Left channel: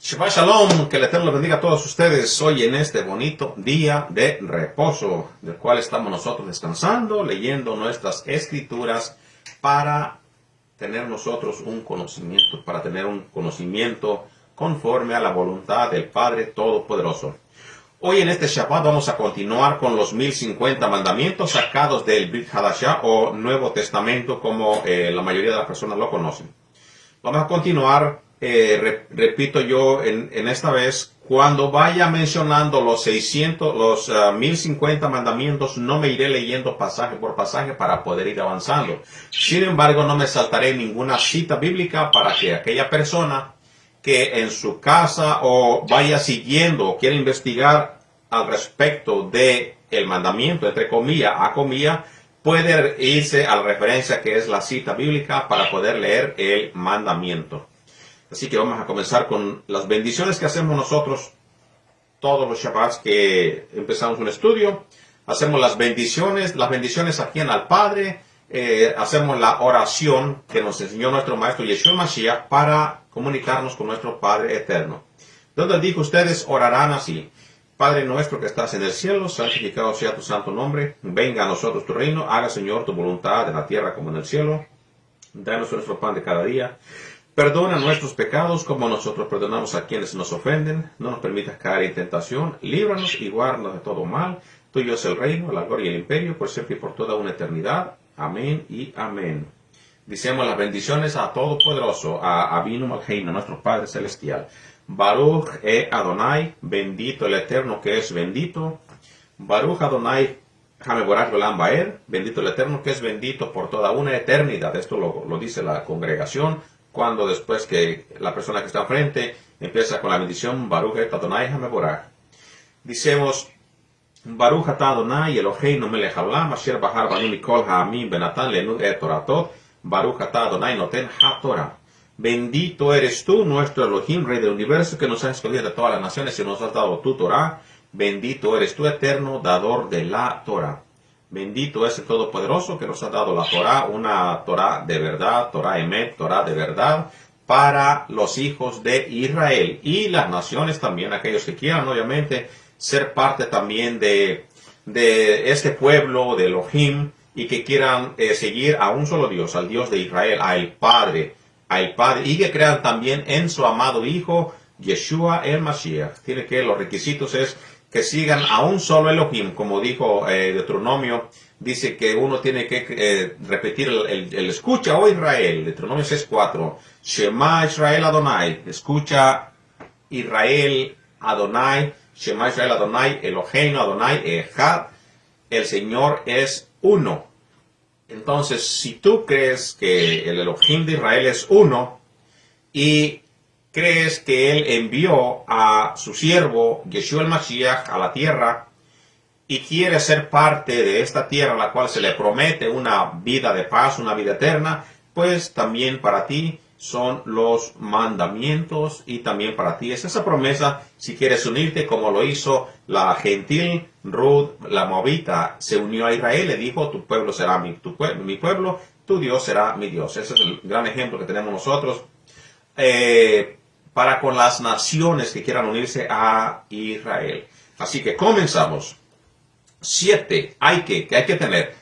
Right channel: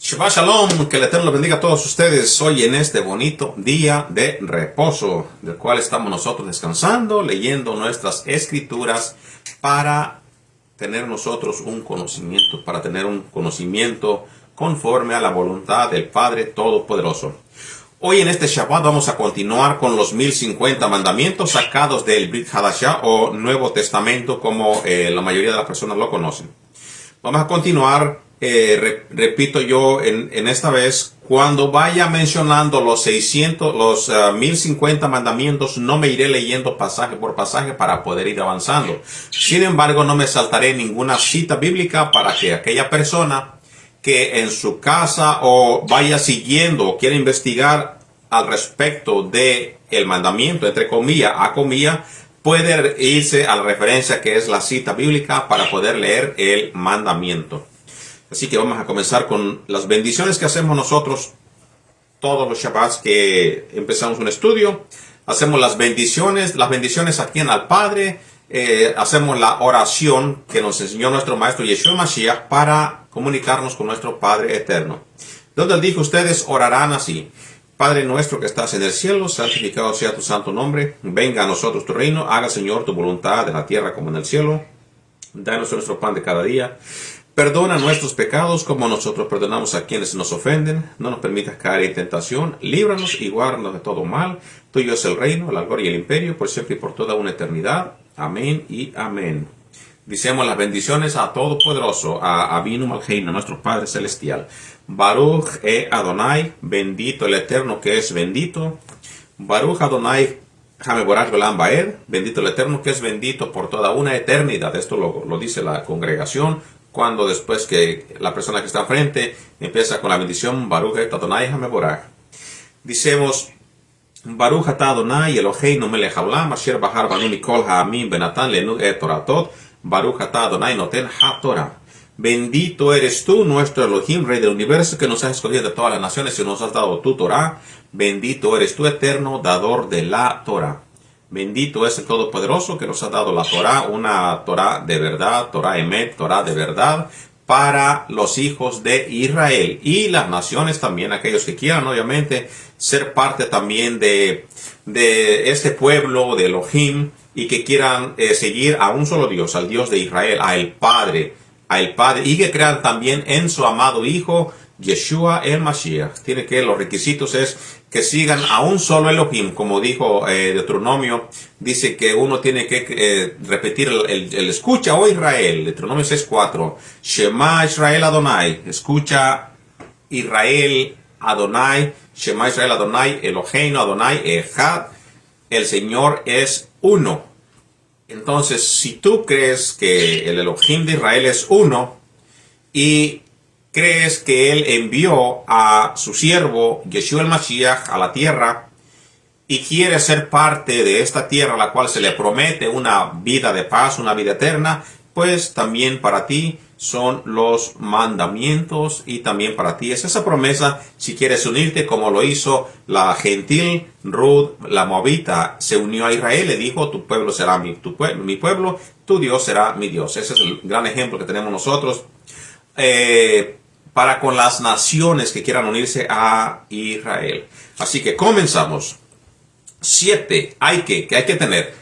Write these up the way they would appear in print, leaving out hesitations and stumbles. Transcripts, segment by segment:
Shabbat Shalom, que el Eterno bendiga a todos ustedes hoy en este bonito día de reposo, del cual estamos nosotros descansando, leyendo nuestras escrituras para tener nosotros un conocimiento, conforme a la voluntad del Padre Todopoderoso. Hoy en este Shabbat vamos a continuar con los 1050 mandamientos sacados del Brit Hadashah o Nuevo Testamento, como la mayoría de las personas lo conocen. Vamos a continuar, repito yo en esta vez, cuando vaya mencionando los 1050 mandamientos, no me iré leyendo pasaje por pasaje para poder ir avanzando. Sin embargo, no me saltaré ninguna cita bíblica para que aquella persona que en su casa o vaya siguiendo o quiera investigar al respecto de el mandamiento, entre comillas, a comillas, puede irse a la referencia que es la cita bíblica para poder leer el mandamiento. Así que vamos a comenzar con las bendiciones que hacemos nosotros todos los Shabbats que empezamos un estudio. Hacemos las bendiciones aquí en al Padre. Hacemos la oración que nos enseñó nuestro Maestro Yeshua Mashiach para comunicarnos con nuestro Padre Eterno. Donde él dijo, ustedes orarán así: Padre nuestro que estás en el cielo, santificado sea tu santo nombre. Venga a nosotros tu reino. Haga, Señor, tu voluntad en la tierra como en el cielo. Danos nuestro pan de cada día. Perdona nuestros pecados como nosotros perdonamos a quienes nos ofenden. No nos permitas caer en tentación. Líbranos y guárdanos de todo mal. Tuyo es el reino, la gloria y el imperio, por siempre y por toda una eternidad. Amén y amén. Dicemos las bendiciones a Todopoderoso, a Avinu Malkeinu, nuestro Padre Celestial. Baruch Adonai, bendito el Eterno que es bendito. Baruch Adonai Hameborach Olam Baed, bendito el Eterno que es bendito por toda una eternidad. Esto lo dice la congregación cuando después que la persona que está enfrente empieza con la bendición Baruch Adonai Hameborach. Dicemos Baruch atah Adonai Eloheinu melech haolam asher bahar banu mikol ha'amim benatan lenu et toratot. Baruch atah Adonai noten ha-Torah. Bendito eres tú, nuestro Elohim, Rey del universo, que nos has escogido de todas las naciones y nos has dado tu Torah. Bendito eres tú, eterno, dador de la Torah. Bendito es el Todopoderoso que nos ha dado la Torah, una Torah de verdad, Torah Emet, Torah de verdad, para los hijos de Israel. Y las naciones también, aquellos que quieran, obviamente, ser parte también de este pueblo de Elohim y que quieran seguir a un solo Dios, al Dios de Israel, al Padre, y que crean también en su amado Hijo, Yeshua el Mashiach. Tiene que, los requisitos es que sigan a un solo Elohim, como dijo Deuteronomio, dice que uno tiene que repetir el escucha, oh Israel, Deuteronomio 6:4, Shema Israel Adonai, escucha Israel Adonai, Shema Israel Adonai, Eloheinu Adonai Echad, el Señor es uno. Entonces, si tú crees que el Elohim de Israel es uno y crees que Él envió a su siervo Yeshua el Mashiach a la tierra y quiere ser parte de esta tierra a la cual se le promete una vida de paz, una vida eterna, pues también para ti son los mandamientos y también para ti es esa promesa si quieres unirte, como lo hizo la gentil Ruth, la moabita, se unió a Israel, le dijo, tu pueblo será mi pueblo, tu Dios será mi Dios. Ese es el gran ejemplo que tenemos nosotros para con las naciones que quieran unirse a Israel. Así que comenzamos. 7. Que hay que tener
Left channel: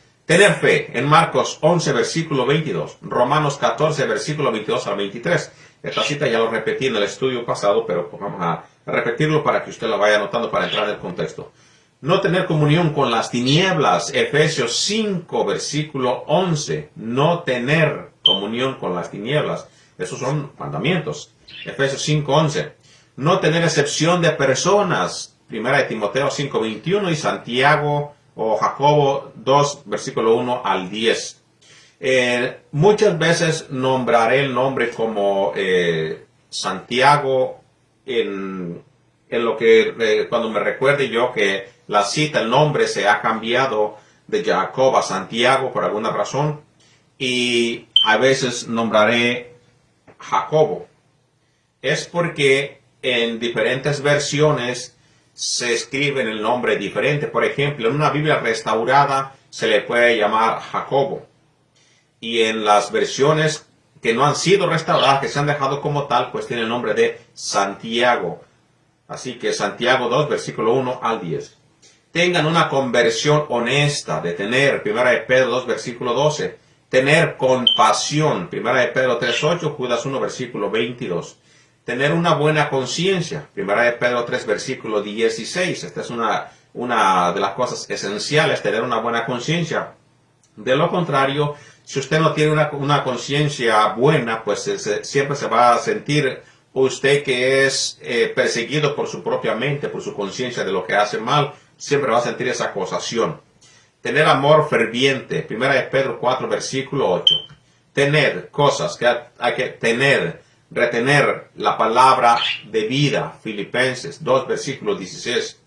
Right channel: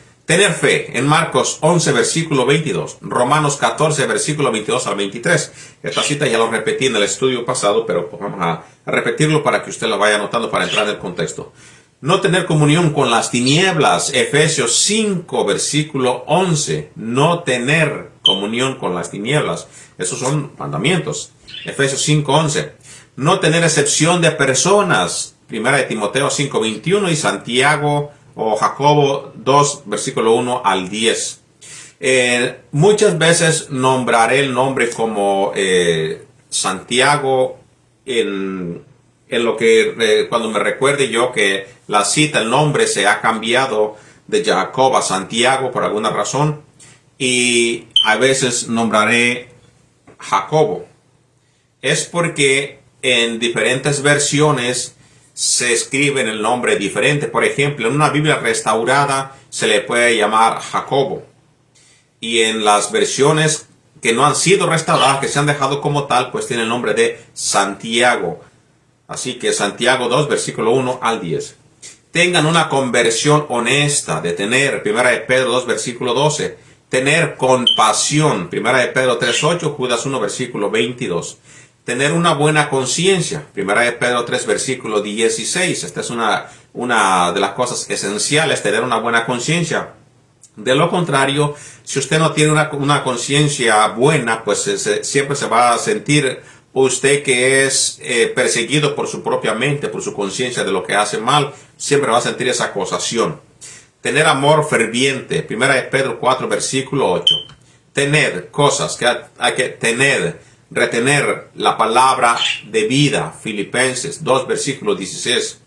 fe en Marcos 11, versículo 22, Romanos 14, versículo 22 al 23. Esta cita ya lo repetí en el estudio pasado, pero pues vamos a repetirlo para que usted la vaya anotando para entrar en el contexto. No tener comunión con las tinieblas, Efesios 5, versículo 11. No tener comunión con las tinieblas. Esos son mandamientos. Efesios 5, 11. No tener excepción de personas, 1 Timoteo 5, 21 y Santiago o Jacobo 2, versículo 1 al 10. Muchas veces nombraré el nombre como Santiago en lo que cuando me recuerde yo que la cita, el nombre se ha cambiado de Jacob a Santiago por alguna razón, y a veces nombraré Jacobo. Es porque en diferentes versiones se escribe el nombre diferente. Por ejemplo, en una Biblia restaurada se le puede llamar Jacobo. Y en las versiones que no han sido restauradas, que se han dejado como tal, pues tiene el nombre de Santiago. Así que Santiago 2, versículo 1 al 10. Tengan una conversión honesta, de tener, 1 de Pedro 2, versículo 12. Tener compasión, 1 de Pedro 3, 8, Judas 1, versículo 22. Tener una buena conciencia, 1 de Pedro 3, versículo 16. Esta es una de las cosas esenciales, tener una buena conciencia. De lo contrario, si usted no tiene una conciencia buena, pues siempre se va a sentir usted que es perseguido por su propia mente, por su conciencia de lo que hace mal, siempre va a sentir esa acusación. Tener amor ferviente, 1 de Pedro 4, versículo 8. Tener cosas que hay que tener, retener la palabra de vida, Filipenses 2, versículo 16.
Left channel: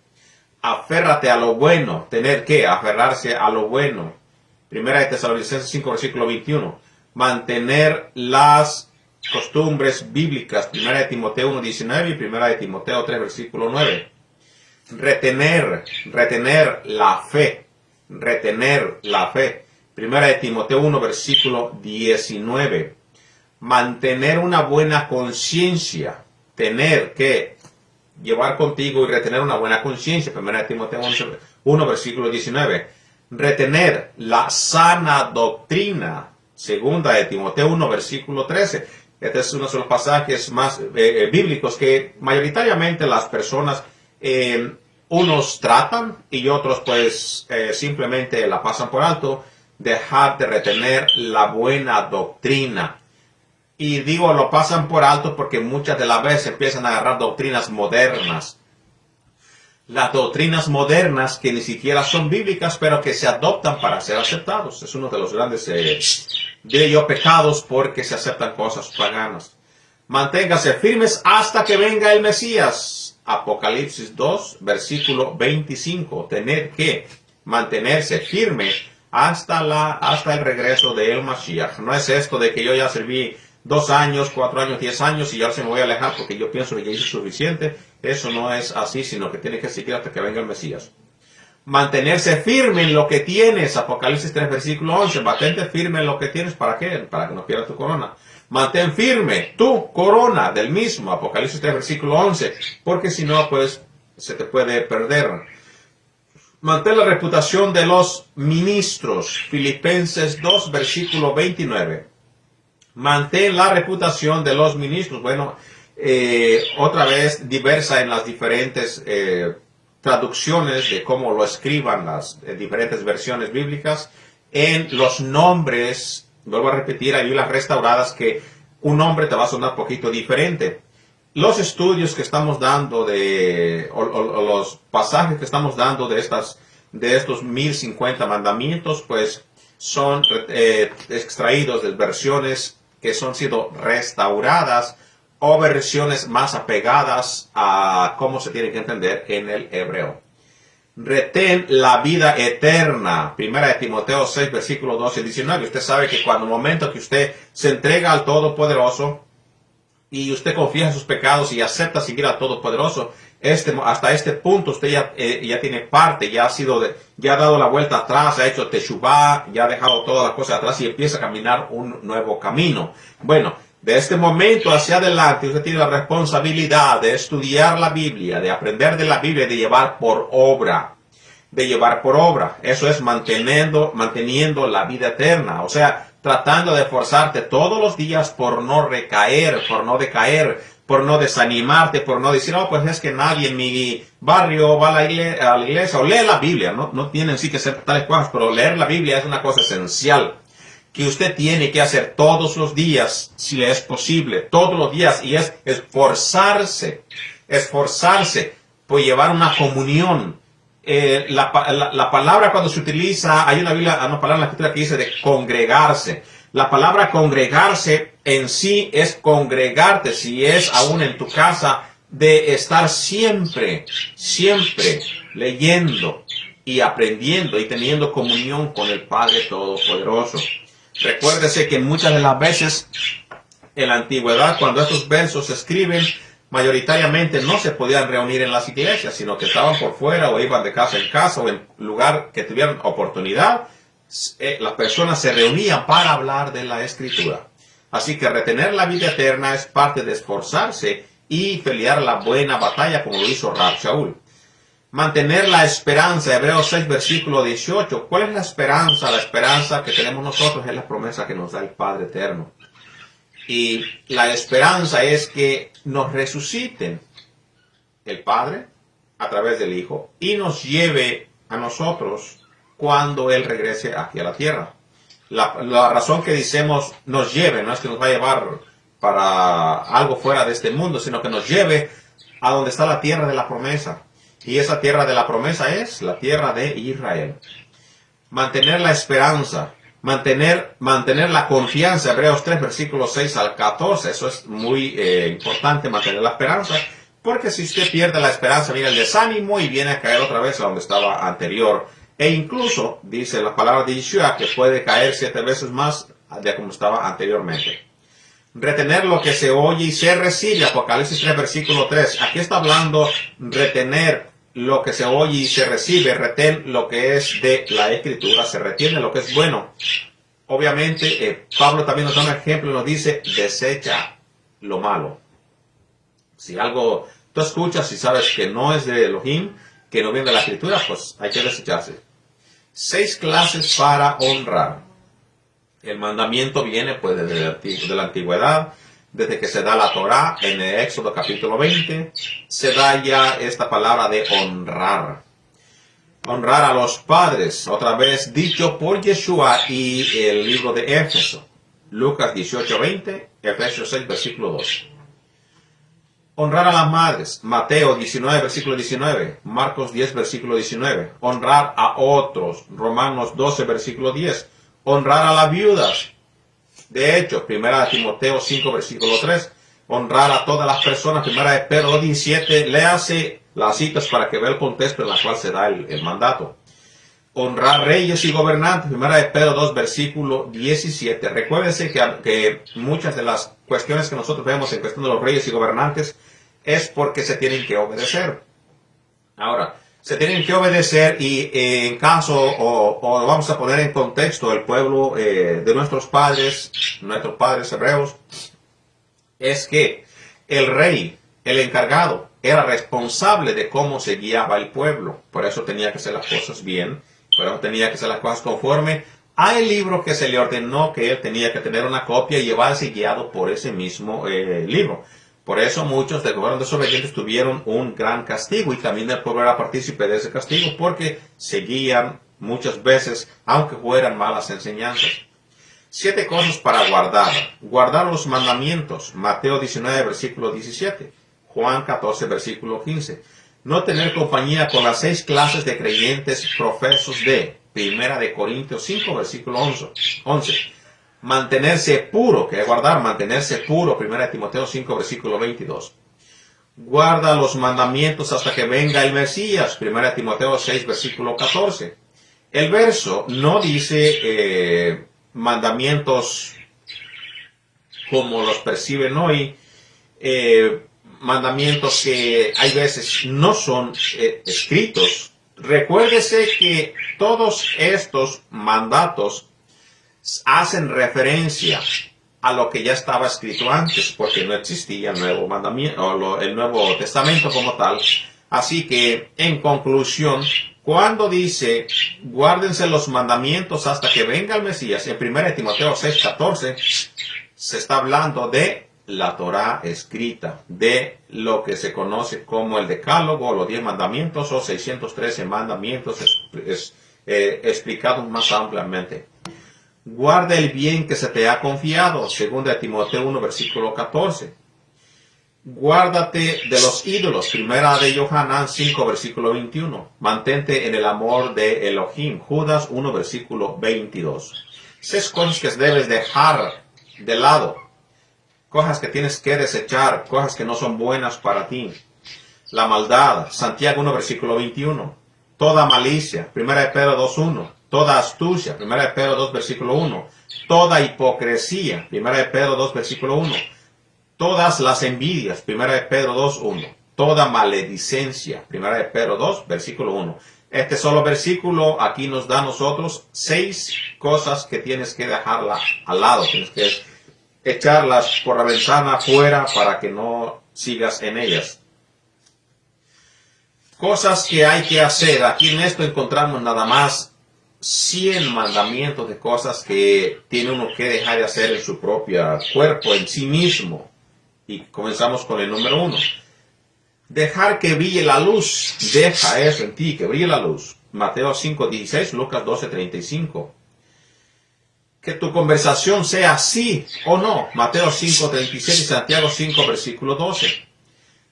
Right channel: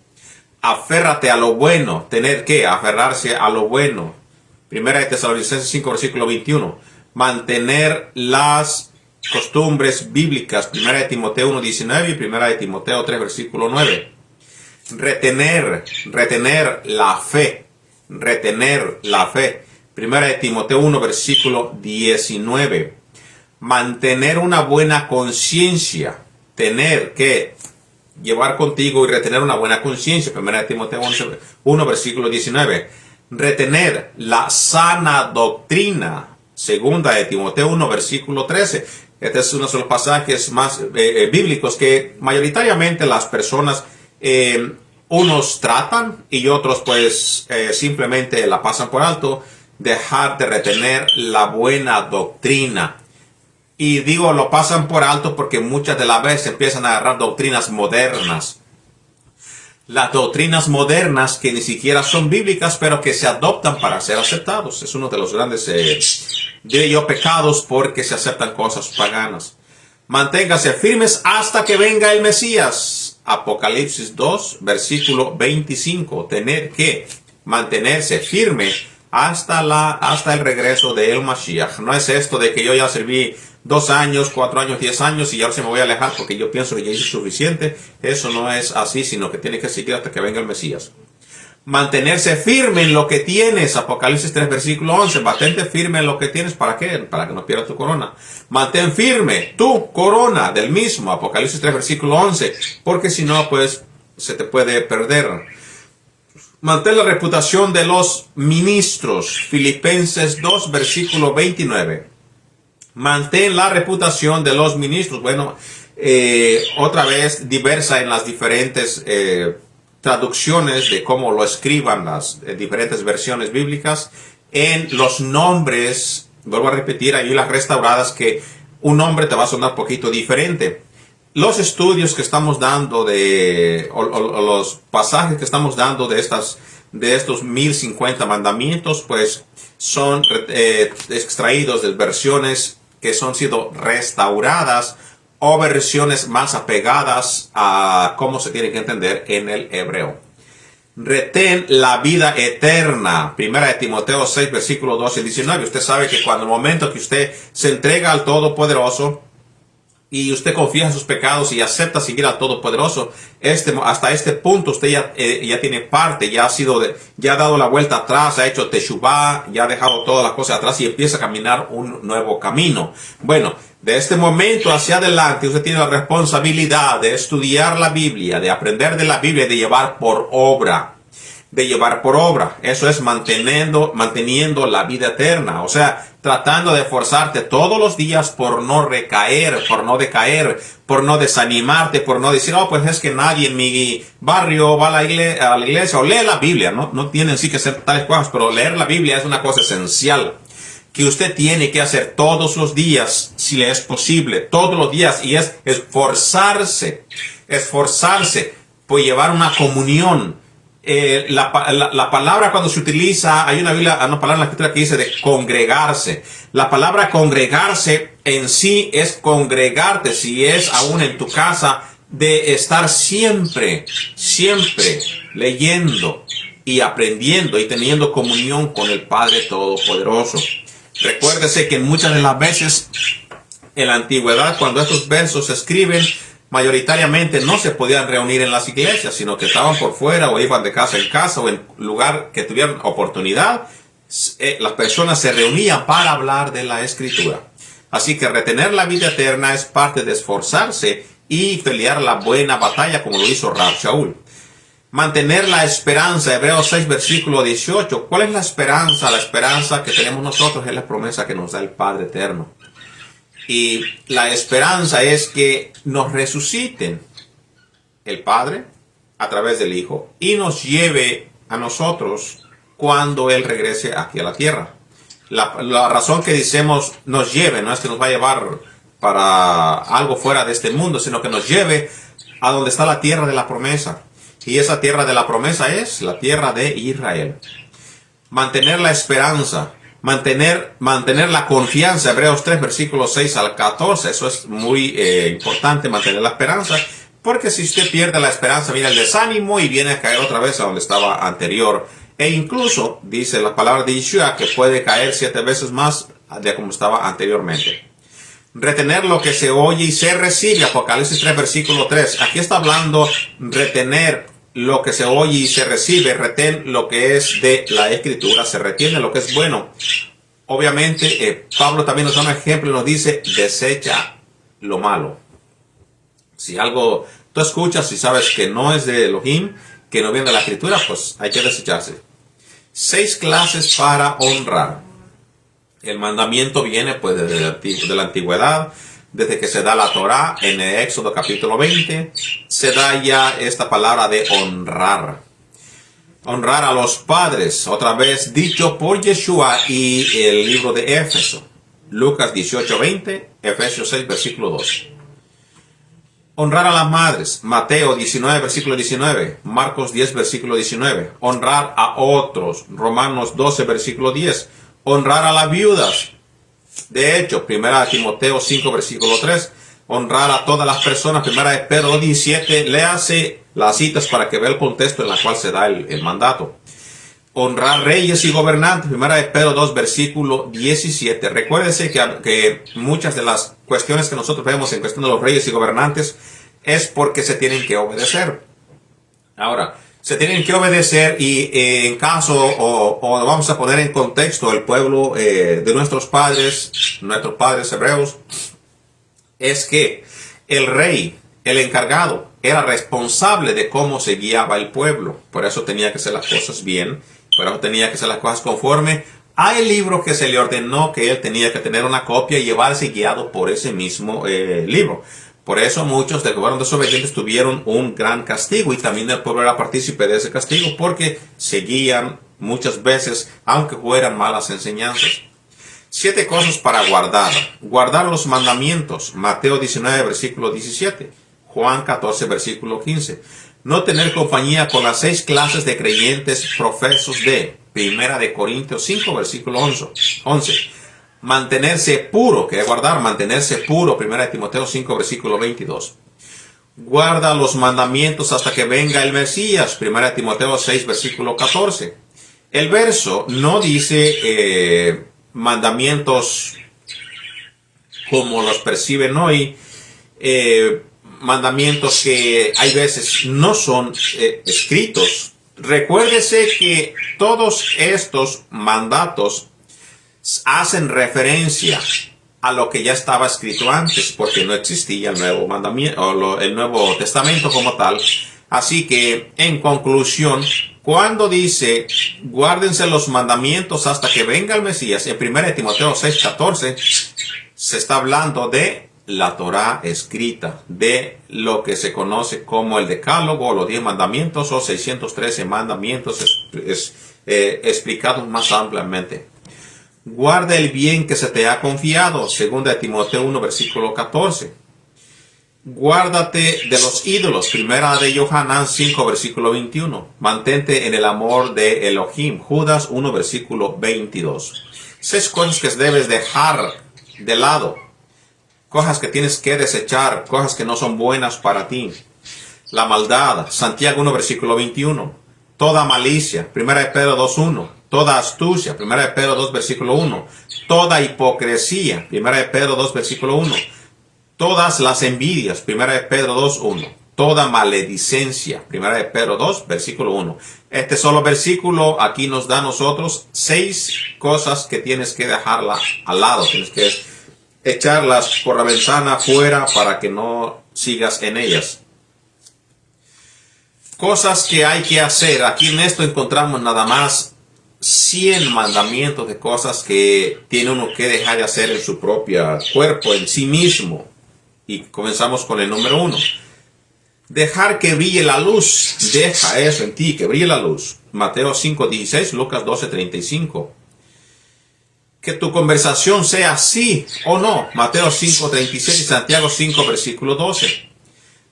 Aférrate a lo bueno, tener que aferrarse a lo bueno. 1 de Tesalonicenses 5, versículo 21. Mantener las costumbres bíblicas, 1 de Timoteo 1, 19 y 1 de Timoteo 3, versículo 9. Retener la fe. Retener la fe. 1 de Timoteo 1, versículo 19. Mantener una buena conciencia. Tener que llevar contigo y retener una buena conciencia. 1 de Timoteo 1, versículo 19. Retener la sana doctrina. 2 de Timoteo 1, versículo 13. Este es uno de los pasajes más bíblicos que mayoritariamente las personas unos tratan y otros pues simplemente la pasan por alto. Dejar de retener la buena doctrina. Y digo, lo pasan por alto porque muchas de las veces empiezan a agarrar doctrinas modernas. Las doctrinas modernas que ni siquiera son bíblicas, pero que se adoptan para ser aceptados. Es uno de los grandes, diré yo, pecados porque se aceptan cosas paganas. Manténgase firmes hasta que venga el Mesías. Apocalipsis 2, versículo 25. Tener que mantenerse firme hasta el regreso de el Mashiach. No es esto de que yo ya serví 2 años, 4 años, 10 años y ahora se me voy a alejar porque yo pienso que ya hice suficiente. Eso no es así, sino que tiene que seguir hasta que venga el Mesías. Mantenerse firme en lo que tienes. Apocalipsis 3, versículo 11. Mantente firme en lo que tienes. ¿Para qué? Para que no pierdas tu corona. Mantén firme tu corona del mismo. Apocalipsis 3, versículo 11. Porque si no, pues se te puede perder. Mantén la reputación de los ministros. Filipenses 2, versículo 29. Mantén la reputación de los ministros. Bueno, otra vez diversa en las diferentes traducciones de cómo lo escriban las diferentes versiones bíblicas. En los nombres, vuelvo a repetir, hay las restauradas que un nombre te va a sonar un poquito diferente. Los estudios que estamos dando o los pasajes que estamos dando de estos 1050 mandamientos, pues son extraídos de versiones que son sido restauradas o versiones más apegadas a cómo se tiene que entender en el hebreo. Retén la vida eterna. 1 de Timoteo 6, versículo 12 y 19. Usted sabe que cuando el momento que usted se entrega al Todopoderoso y usted confía en sus pecados y acepta seguir al Todopoderoso, hasta este punto usted ya tiene parte, ya ha dado la vuelta atrás, ha hecho teshuvá, ya ha dejado todas las cosas atrás y empieza a caminar un nuevo camino. Bueno, de este momento hacia adelante usted tiene la responsabilidad de estudiar la Biblia, de aprender de la Biblia y de llevar por obra. Eso es manteniendo la vida eterna. O sea, tratando de esforzarte todos los días por no recaer, por no decaer, por no desanimarte, por no decir, pues es que nadie en mi barrio va a la iglesia o lee la Biblia. No tienen sí que ser tales cosas, pero leer la Biblia es una cosa esencial que usted tiene que hacer todos los días, si es posible, todos los días, y es esforzarse por llevar una comunión. La palabra cuando se utiliza, hay una palabra en la escritura que dice de congregarse. La palabra congregarse en sí es congregarte, si es aún en tu casa, de estar siempre leyendo y aprendiendo y teniendo comunión con el Padre Todopoderoso. Recuérdese que muchas de las veces en la antigüedad, cuando estos versos se escriben, mayoritariamente no se podían reunir en las iglesias, sino que estaban por fuera o iban de casa en casa o en lugar que tuvieran oportunidad. Las personas se reunían para hablar de la Escritura. Así que retener la vida eterna es parte de esforzarse y pelear la buena batalla como lo hizo Rab Shaul. Mantener la esperanza, Hebreos 6, versículo 18. ¿Cuál es la esperanza? La esperanza que tenemos nosotros es la promesa que nos da el Padre Eterno. Y la esperanza es que nos resuciten el Padre a través del Hijo y nos lleve a nosotros cuando Él regrese aquí a la tierra. La razón que decimos nos lleve no es que nos va a llevar para algo fuera de este mundo, sino que nos lleve a donde está la tierra de la promesa. Y esa tierra de la promesa es la tierra de Israel. Mantener la esperanza, mantener la confianza. Hebreos 3, versículos 6 al 14. Eso es muy importante, mantener la esperanza. Porque si usted pierde la esperanza, viene el desánimo y viene a caer otra vez a donde estaba anterior. E incluso, dice la palabra de Yeshua, que puede caer 7 veces más de como estaba anteriormente. Retener lo que se oye y se recibe. Apocalipsis 3, versículo 3. Aquí está hablando retener lo que se oye y se recibe. Retén lo que es de la Escritura. Se retiene lo que es bueno. Obviamente, Pablo también nos da un ejemplo y nos dice, desecha lo malo. Si algo tú escuchas y sabes que no es de Elohim, que no viene de la Escritura, pues hay que desecharse. 6 clases para honrar. El mandamiento viene pues de la antigüedad, desde que se da la Torá en el Éxodo capítulo 20, se da ya esta palabra de honrar. Honrar a los padres, otra vez dicho por Yeshua y el libro de Éfeso. Lucas 18:20, Efesios 6, versículo 2. Honrar a las madres, Mateo 19, versículo 19, Marcos 10, versículo 19. Honrar a otros, Romanos 12, versículo 10. Honrar a las viudas. De hecho, 1 Timoteo 5, versículo 3. Honrar a todas las personas. 1 Pedro 17. Léase las citas para que vea el contexto en el cual se da el mandato. Honrar reyes y gobernantes. 1 Pedro 2, versículo 17. Recuérdese que muchas de las cuestiones que nosotros vemos en cuestión de los reyes y gobernantes es porque se tienen que obedecer. Ahora, se tienen que obedecer y en caso, o vamos a poner en contexto el pueblo de nuestros padres hebreos, es que el rey, el encargado, era responsable de cómo se guiaba el pueblo. Por eso tenía que hacer las cosas bien, por eso tenía que hacer las cosas conforme al libro que se le ordenó que él tenía que tener una copia y llevarse guiado por ese mismo libro. Por eso muchos de que fueron desobedientes tuvieron un gran castigo y también el pueblo era partícipe de ese castigo porque seguían muchas veces, aunque fueran malas enseñanzas. 7 cosas para guardar. Guardar los mandamientos. Mateo 19, versículo 17. Juan 14, versículo 15. No tener compañía con las 6 clases de creyentes profesos de 1 de Corintios 5, versículo 11. Mantenerse puro, que es guardar, mantenerse puro, 1 de Timoteo 5, versículo 22. Guarda los mandamientos hasta que venga el Mesías, 1 de Timoteo 6, versículo 14. El verso no dice mandamientos como los perciben hoy, mandamientos que hay veces no son escritos. Recuérdese que todos estos mandatos hacen referencia a lo que ya estaba escrito antes, porque no existía el nuevo mandamiento o el Nuevo Testamento como tal. Así que, en conclusión, cuando dice guárdense los mandamientos hasta que venga el Mesías, en 1 Timoteo 6:14, se está hablando de la Torá escrita, de lo que se conoce como el Decálogo, los 10 mandamientos o 613 mandamientos explicados más ampliamente. Guarda el bien que se te ha confiado, 2 Timoteo 1, versículo 14. Guárdate de los ídolos, 1 de Yohanan 5, versículo 21. Mantente en el amor de Elohim, Judas 1, versículo 22. 6 cosas que debes dejar de lado, cosas que tienes que desechar, cosas que no son buenas para ti. La maldad, Santiago 1, versículo 21. Toda malicia, 1 de Pedro 2, 1. Toda astucia, 1 de Pedro 2, versículo 1. Toda hipocresía, 1 de Pedro 2, versículo 1. Todas las envidias, 1 de Pedro 2, 1. Toda maledicencia, 1 de Pedro 2, versículo 1. Este solo versículo aquí nos da a nosotros 6 cosas que tienes que dejarla al lado. Tienes que echarlas por la ventana fuera para que no sigas en ellas. Cosas que hay que hacer. Aquí en esto encontramos nada más 100 mandamientos de cosas que tiene uno que dejar de hacer en su propio cuerpo, en sí mismo. Y comenzamos con el número 1. Dejar que brille la luz. Deja eso en ti, que brille la luz. Mateo 5:16, Lucas 12:35. Que tu conversación sea sí o no. Mateo 5:37 y Santiago 5, versículo 12.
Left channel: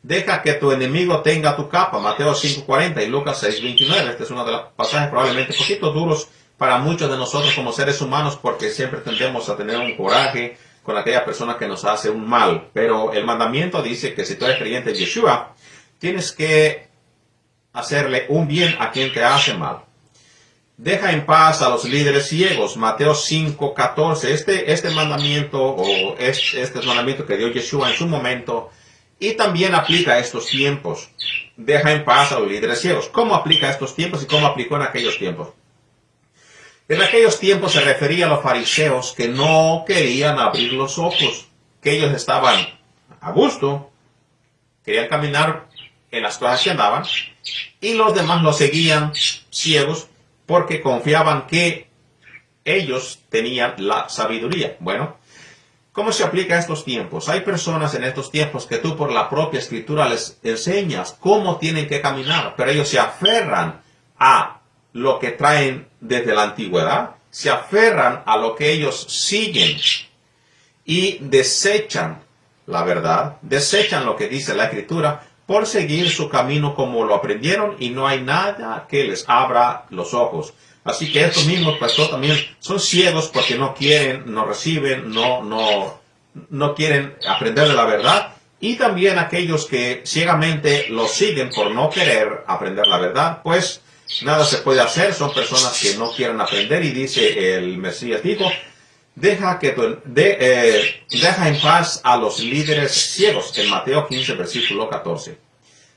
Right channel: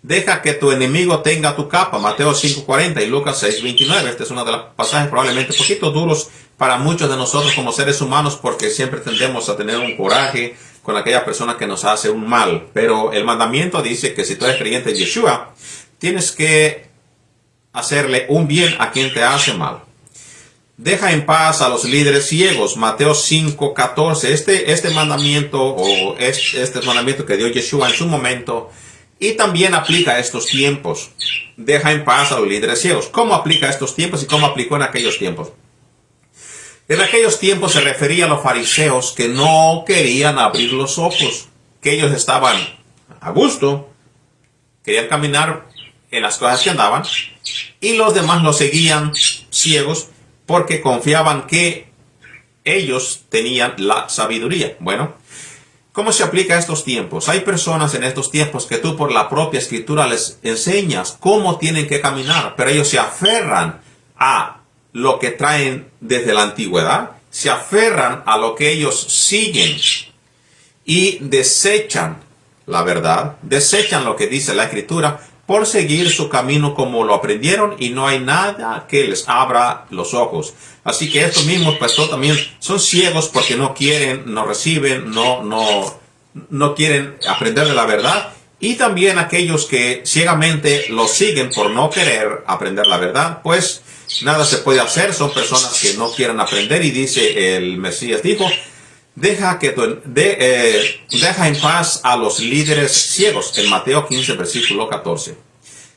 Deja que tu enemigo tenga tu capa. Mateo 5:40 y Lucas 6:29. Este es uno de los pasajes probablemente un poquito duros para muchos de nosotros como seres humanos, porque siempre tendemos a tener un coraje con aquella persona que nos hace un mal. Pero el mandamiento dice que si tú eres creyente de Yeshua, tienes que hacerle un bien a quien te hace mal. Deja en paz a los líderes ciegos. Mateo 5:14. Este mandamiento, o este mandamiento que dio Yeshua en su momento, y también aplica a estos tiempos. Deja en paz a los líderes ciegos. ¿Cómo aplica a estos tiempos y cómo aplicó en aquellos tiempos? En aquellos tiempos se refería a los fariseos que no querían abrir los ojos, que ellos estaban a gusto, querían caminar en las cosas que andaban, y los demás los seguían ciegos porque confiaban que ellos tenían la sabiduría. Bueno, ¿cómo se aplica a estos tiempos? Hay personas en estos tiempos que tú por la propia escritura les enseñas cómo tienen que caminar, pero ellos se aferran a lo que traen desde la antigüedad, se aferran a lo que ellos siguen y desechan la verdad, desechan lo que dice la escritura por seguir su camino como lo aprendieron, y no hay nada que les abra los ojos. Así que estos mismos pastores también son ciegos porque no quieren, no reciben, no quieren aprender de la verdad. Y también aquellos que ciegamente los siguen por no querer aprender la verdad, pues nada se puede hacer. Son personas que no quieren aprender, y dice el Mesías, dijo, deja en paz a los líderes ciegos, en Mateo 15, versículo 14.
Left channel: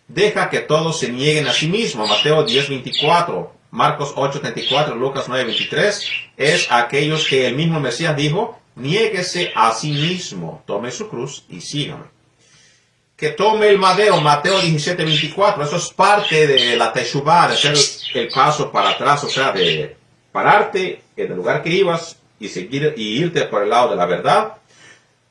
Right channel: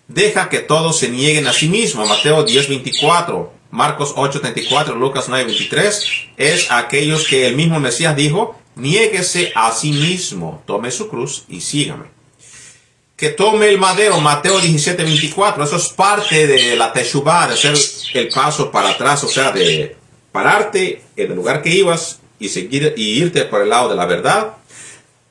Deja que todos se nieguen a sí mismos, Mateo 10:24, Marcos 8:34, Lucas 9:23, es aquellos que el mismo Mesías dijo, niéguese a sí mismo, tome su cruz y sígame. Que tome el madero, Mateo 17:24, eso es parte de la teshuvá, de hacer el paso para atrás, o sea, de pararte en el lugar que ibas y seguir y irte por el lado de la verdad.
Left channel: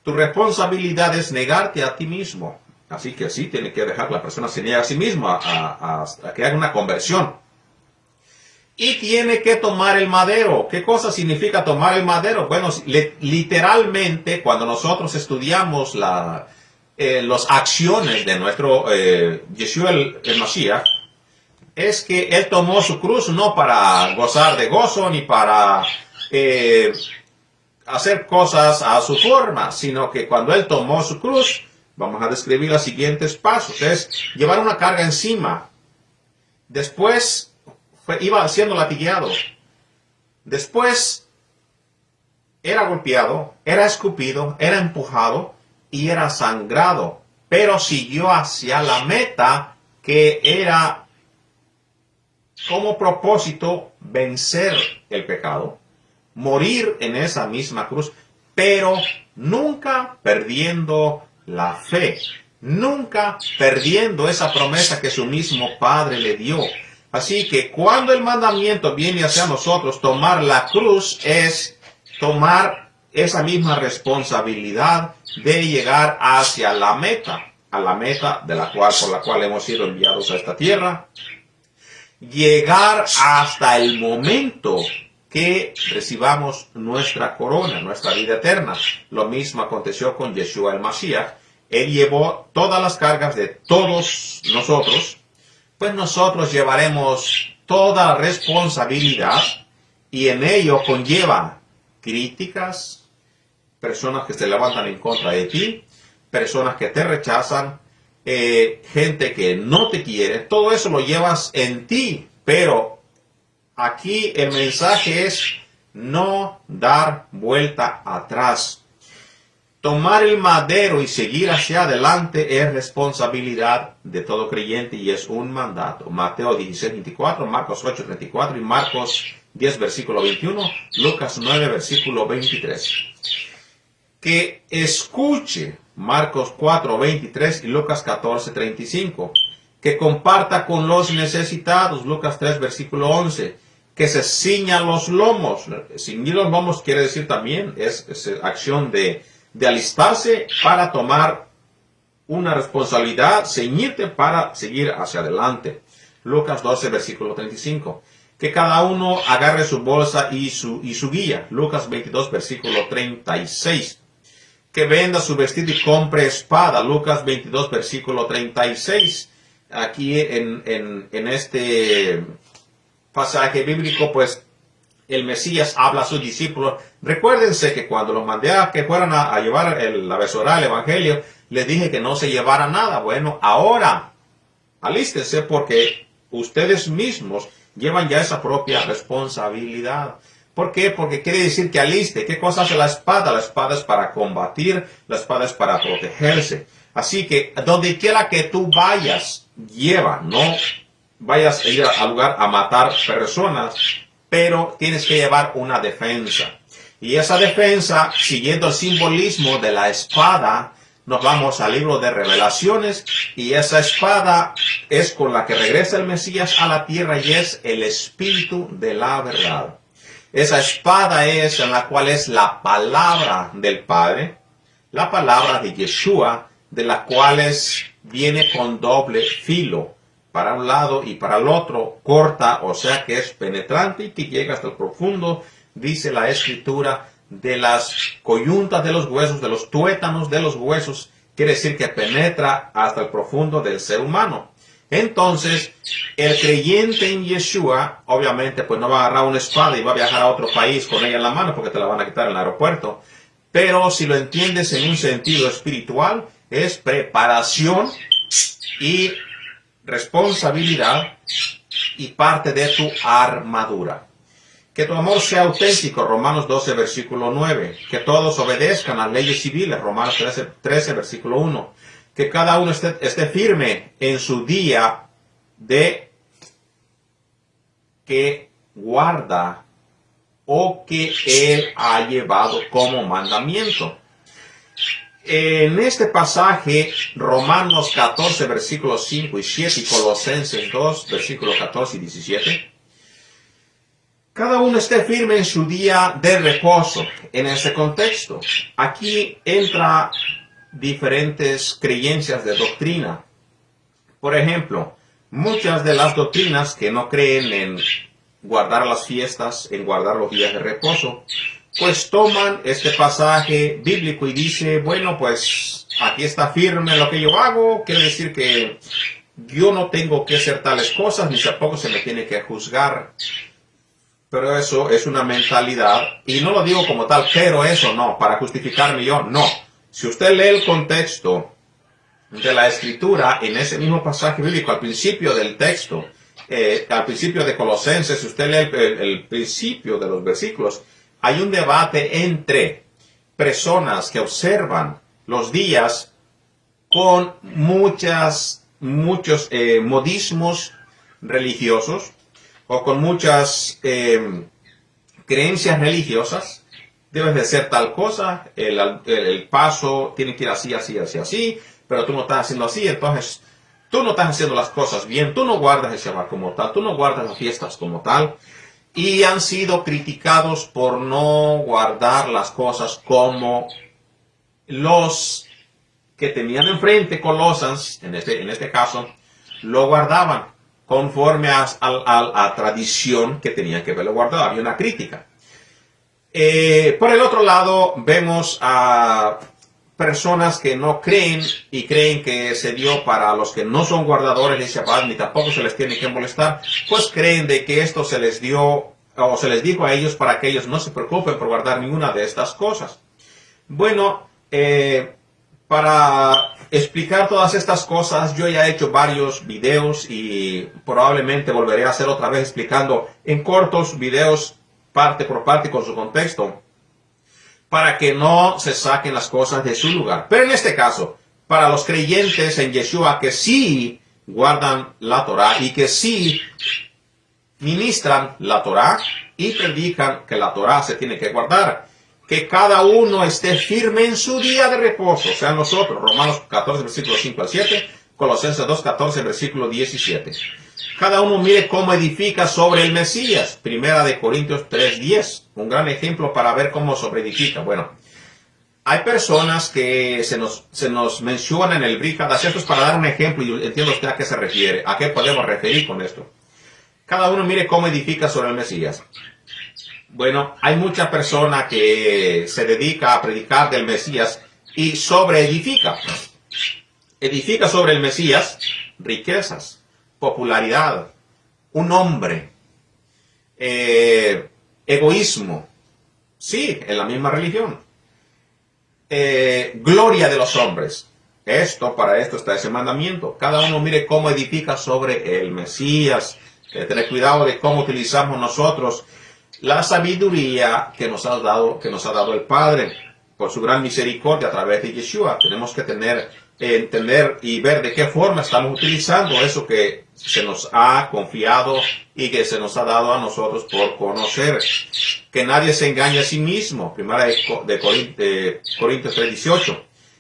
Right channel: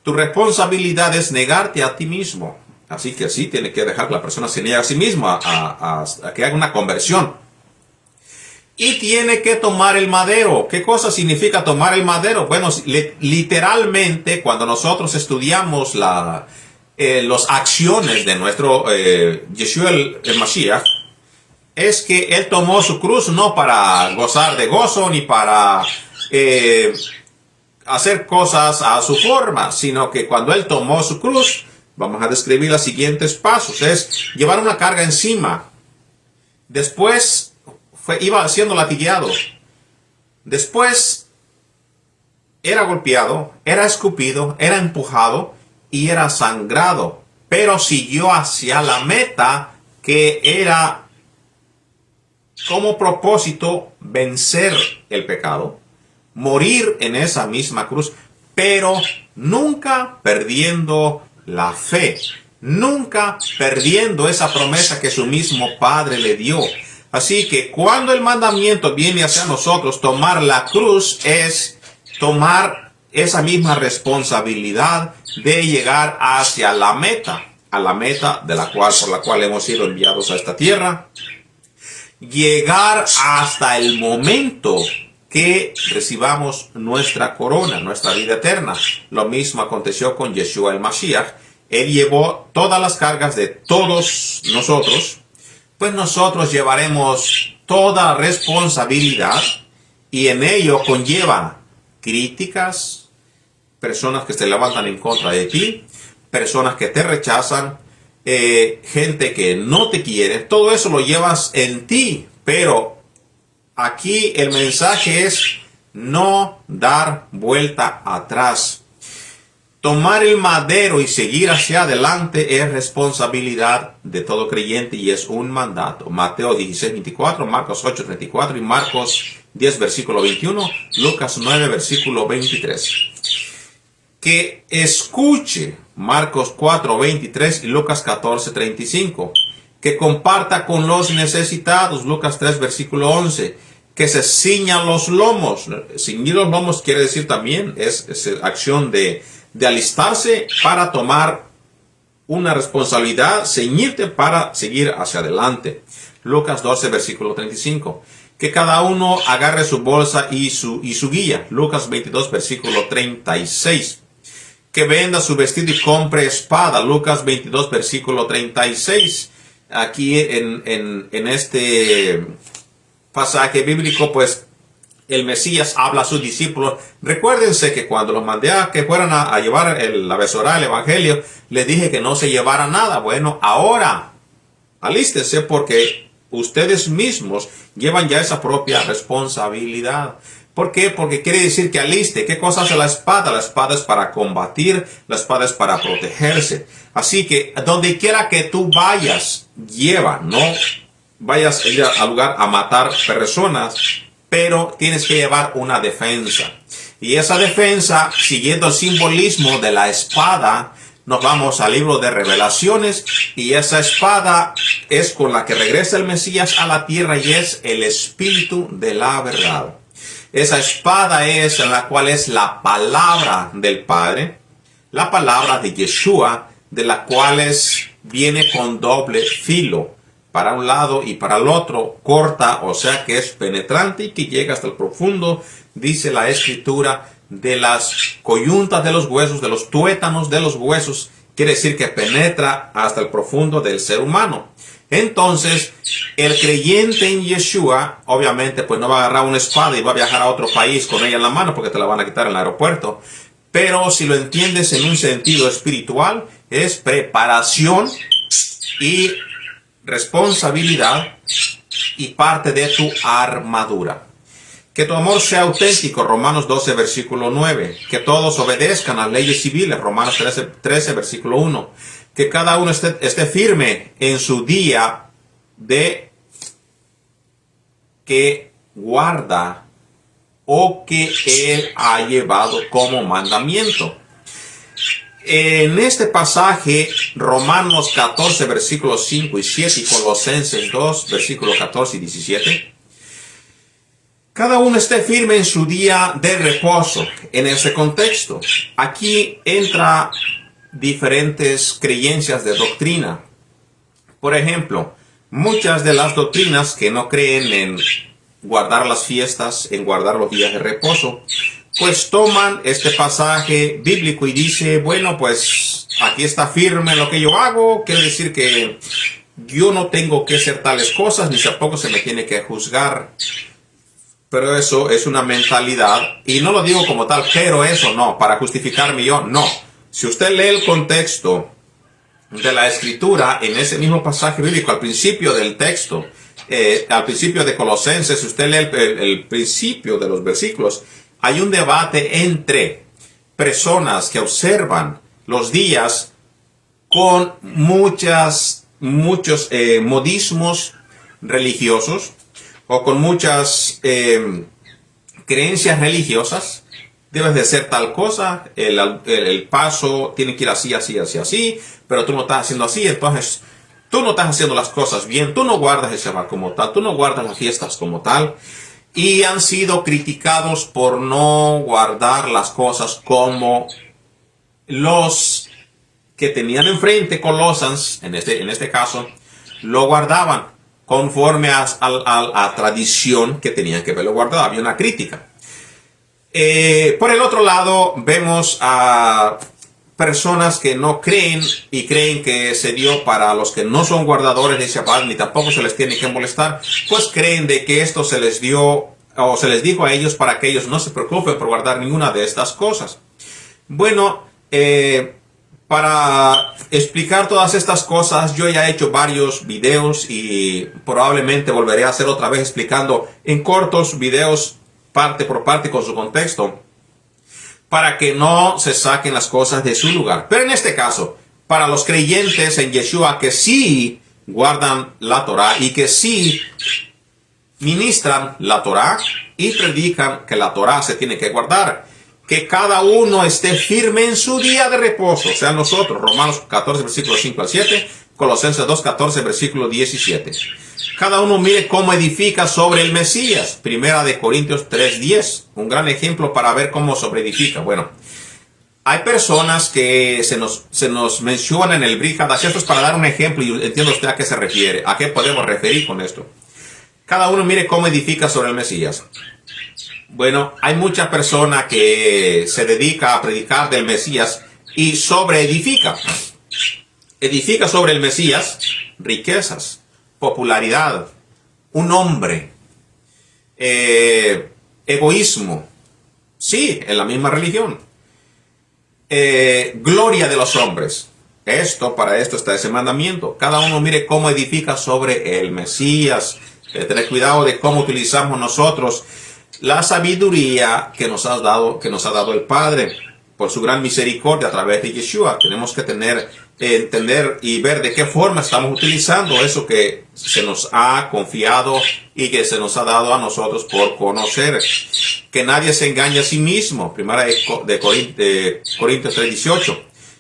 Tu responsabilidad es negarte a ti mismo. Así que sí, tiene que dejar que la persona se niegue a sí mismo, a que haga una conversión. Y tiene que tomar el madero. ¿Qué cosa significa tomar el madero? Bueno, literalmente, cuando nosotros estudiamos las acciones de nuestro Yeshua el Mashiach, es que él tomó su cruz no para gozar de gozo ni para hacer cosas a su forma, sino que cuando él tomó su cruz, vamos a describir los siguientes pasos, es llevar una carga encima. Después iba siendo latigueado. Después era golpeado, era escupido, era empujado y era sangrado. Pero siguió hacia la meta, que era como propósito vencer el pecado, morir en esa misma cruz, pero nunca perdiendo la fe, nunca perdiendo esa promesa que su mismo Padre le dio. Así que cuando el mandamiento viene hacia nosotros, tomar la cruz es tomar esa misma responsabilidad de llegar hacia la meta, a la meta por la cual hemos sido enviados a esta tierra. Llegar hasta el momento que recibamos nuestra corona, nuestra vida eterna. Lo mismo aconteció con Yeshua el Mashiach. Él llevó todas las cargas de todos nosotros, pues nosotros llevaremos toda responsabilidad, y en ello conlleva críticas, personas que se levantan en contra de ti, personas que te rechazan, gente que no te quiere. Todo eso lo llevas en ti, pero aquí el mensaje es no dar vuelta atrás. Tomar el madero y seguir hacia adelante es responsabilidad de todo creyente y es un mandato. Mateo 16:24, Marcos 8:34 y Marcos 10, versículo 21, Lucas 9, versículo 23. que escuche Marcos 4:23 y Lucas 14:35, que comparta con los necesitados, Lucas 3, versículo 11, que se ciña los lomos. Ciñir los lomos quiere decir también, es acción de alistarse para tomar una responsabilidad, ceñirte para seguir hacia adelante. Lucas 12, versículo 35. Que cada uno agarre su bolsa y su guía. Lucas 22, versículo 36. Que venda su vestido y compre espada. Lucas 22, versículo 36. Aquí en este pasaje bíblico, pues, el Mesías habla a sus discípulos. Recuérdense que cuando los mandé a que fueran a llevar la besorá, el evangelio, les dije que no se llevara nada. Bueno, ahora, alístense porque ustedes mismos llevan ya esa propia responsabilidad. ¿Por qué? Porque quiere decir que aliste. ¿Qué cosa hace la espada? La espada es para combatir, la espada es para protegerse. Así que donde quiera que tú vayas, lleva, no vayas a ir al lugar a matar personas, pero tienes que llevar una defensa. Y esa defensa, siguiendo el simbolismo de la espada, nos vamos al libro de Revelaciones, y esa espada es con la que regresa el Mesías a la tierra y es el Espíritu de la verdad. Esa espada es en la cual es la palabra del Padre, la palabra de Yeshua, de la cual viene con doble filo, para un lado y para el otro, corta, o sea que es penetrante y que llega hasta el profundo, dice la Escritura, de las coyuntas de los huesos, de los tuétanos de los huesos, quiere decir que penetra hasta el profundo del ser humano. Entonces, el creyente en Yeshua, obviamente, pues no va a agarrar una espada y va a viajar a otro país con ella en la mano porque te la van a quitar en el aeropuerto. Pero si lo entiendes en un sentido espiritual, es preparación y responsabilidad y parte de tu armadura. Que tu amor sea auténtico, Romanos 12, versículo 9. Que todos obedezcan a las leyes civiles, Romanos 13, versículo 1. Que cada uno esté firme en su día de que guarda o que él ha llevado como mandamiento. En este pasaje, Romanos 14, versículos 5 y 7 y Colosenses 2, versículos 14 y 17, cada uno esté firme en su día de reposo. En ese contexto, aquí entra diferentes creencias de doctrina. Por ejemplo, muchas de las doctrinas que no creen en guardar las fiestas, en guardar los días de reposo, pues toman este pasaje bíblico y dice, bueno, pues aquí está firme lo que yo hago, quiere decir que yo no tengo que hacer tales cosas, ni tampoco se me tiene que juzgar. Pero eso es una mentalidad, y no lo digo como tal, pero eso no, para justificarme yo, no. Si usted lee el contexto de la Escritura, en ese mismo pasaje bíblico, al principio del texto, al principio de Colosenses, si usted lee el principio de los versículos, hay un debate entre personas que observan los días con muchos modismos religiosos o con muchas creencias religiosas. Debes de hacer tal cosa, el paso tiene que ir así, así, así, así, pero tú no estás haciendo así, entonces tú no estás haciendo las cosas bien, tú no guardas el Shabbat como tal, tú no guardas las fiestas como tal. Y han sido criticados por no guardar las cosas como los que tenían enfrente Colossians, en este caso, lo guardaban conforme a tradición que tenían que verlo guardado. Había una crítica. Por el otro lado, vemos a personas que no creen y creen que se dio para los que no son guardadores de Shabbat, ni tampoco se les tiene que molestar, pues creen de que esto se les dio o se les dijo a ellos para que ellos no se preocupen por guardar ninguna de estas cosas. Bueno, para explicar todas estas cosas, yo ya he hecho varios videos y probablemente volveré a hacer otra vez explicando en cortos videos parte por parte con su contexto, para que no se saquen las cosas de su lugar. Pero en este caso, para los creyentes en Yeshua que sí guardan la Torah y que sí ministran la Torah y predican que la Torah se tiene que guardar, que cada uno esté firme en su día de reposo, sean nosotros. Romanos 14, versículo 5 al 7, Colosenses 2, 14, versículo 17. Cada uno mire cómo edifica sobre el Mesías. Primera de Corintios 3, 10. Un gran ejemplo para ver cómo sobreedifica. Bueno, hay personas que se nos mencionan en el Bríjada. Esto es para dar un ejemplo y entiendo usted a qué se refiere. ¿A qué podemos referir con esto? Cada uno mire cómo edifica sobre el Mesías. Bueno, hay mucha persona que se dedica a predicar del Mesías y sobreedifica. Edifica sobre el Mesías riquezas, popularidad, un hombre, egoísmo. Sí, en la misma religión. Gloria de los hombres. Para esto está ese mandamiento. Cada uno mire cómo edifica sobre el Mesías. Tener cuidado de cómo utilizamos nosotros la sabiduría que nos ha dado el Padre por su gran misericordia a través de Yeshua. Tenemos que entender y ver de qué forma estamos utilizando eso que se nos ha confiado y que se nos ha dado a nosotros por conocer. Que nadie se engañe a sí mismo. Primera de Corintios 3:18.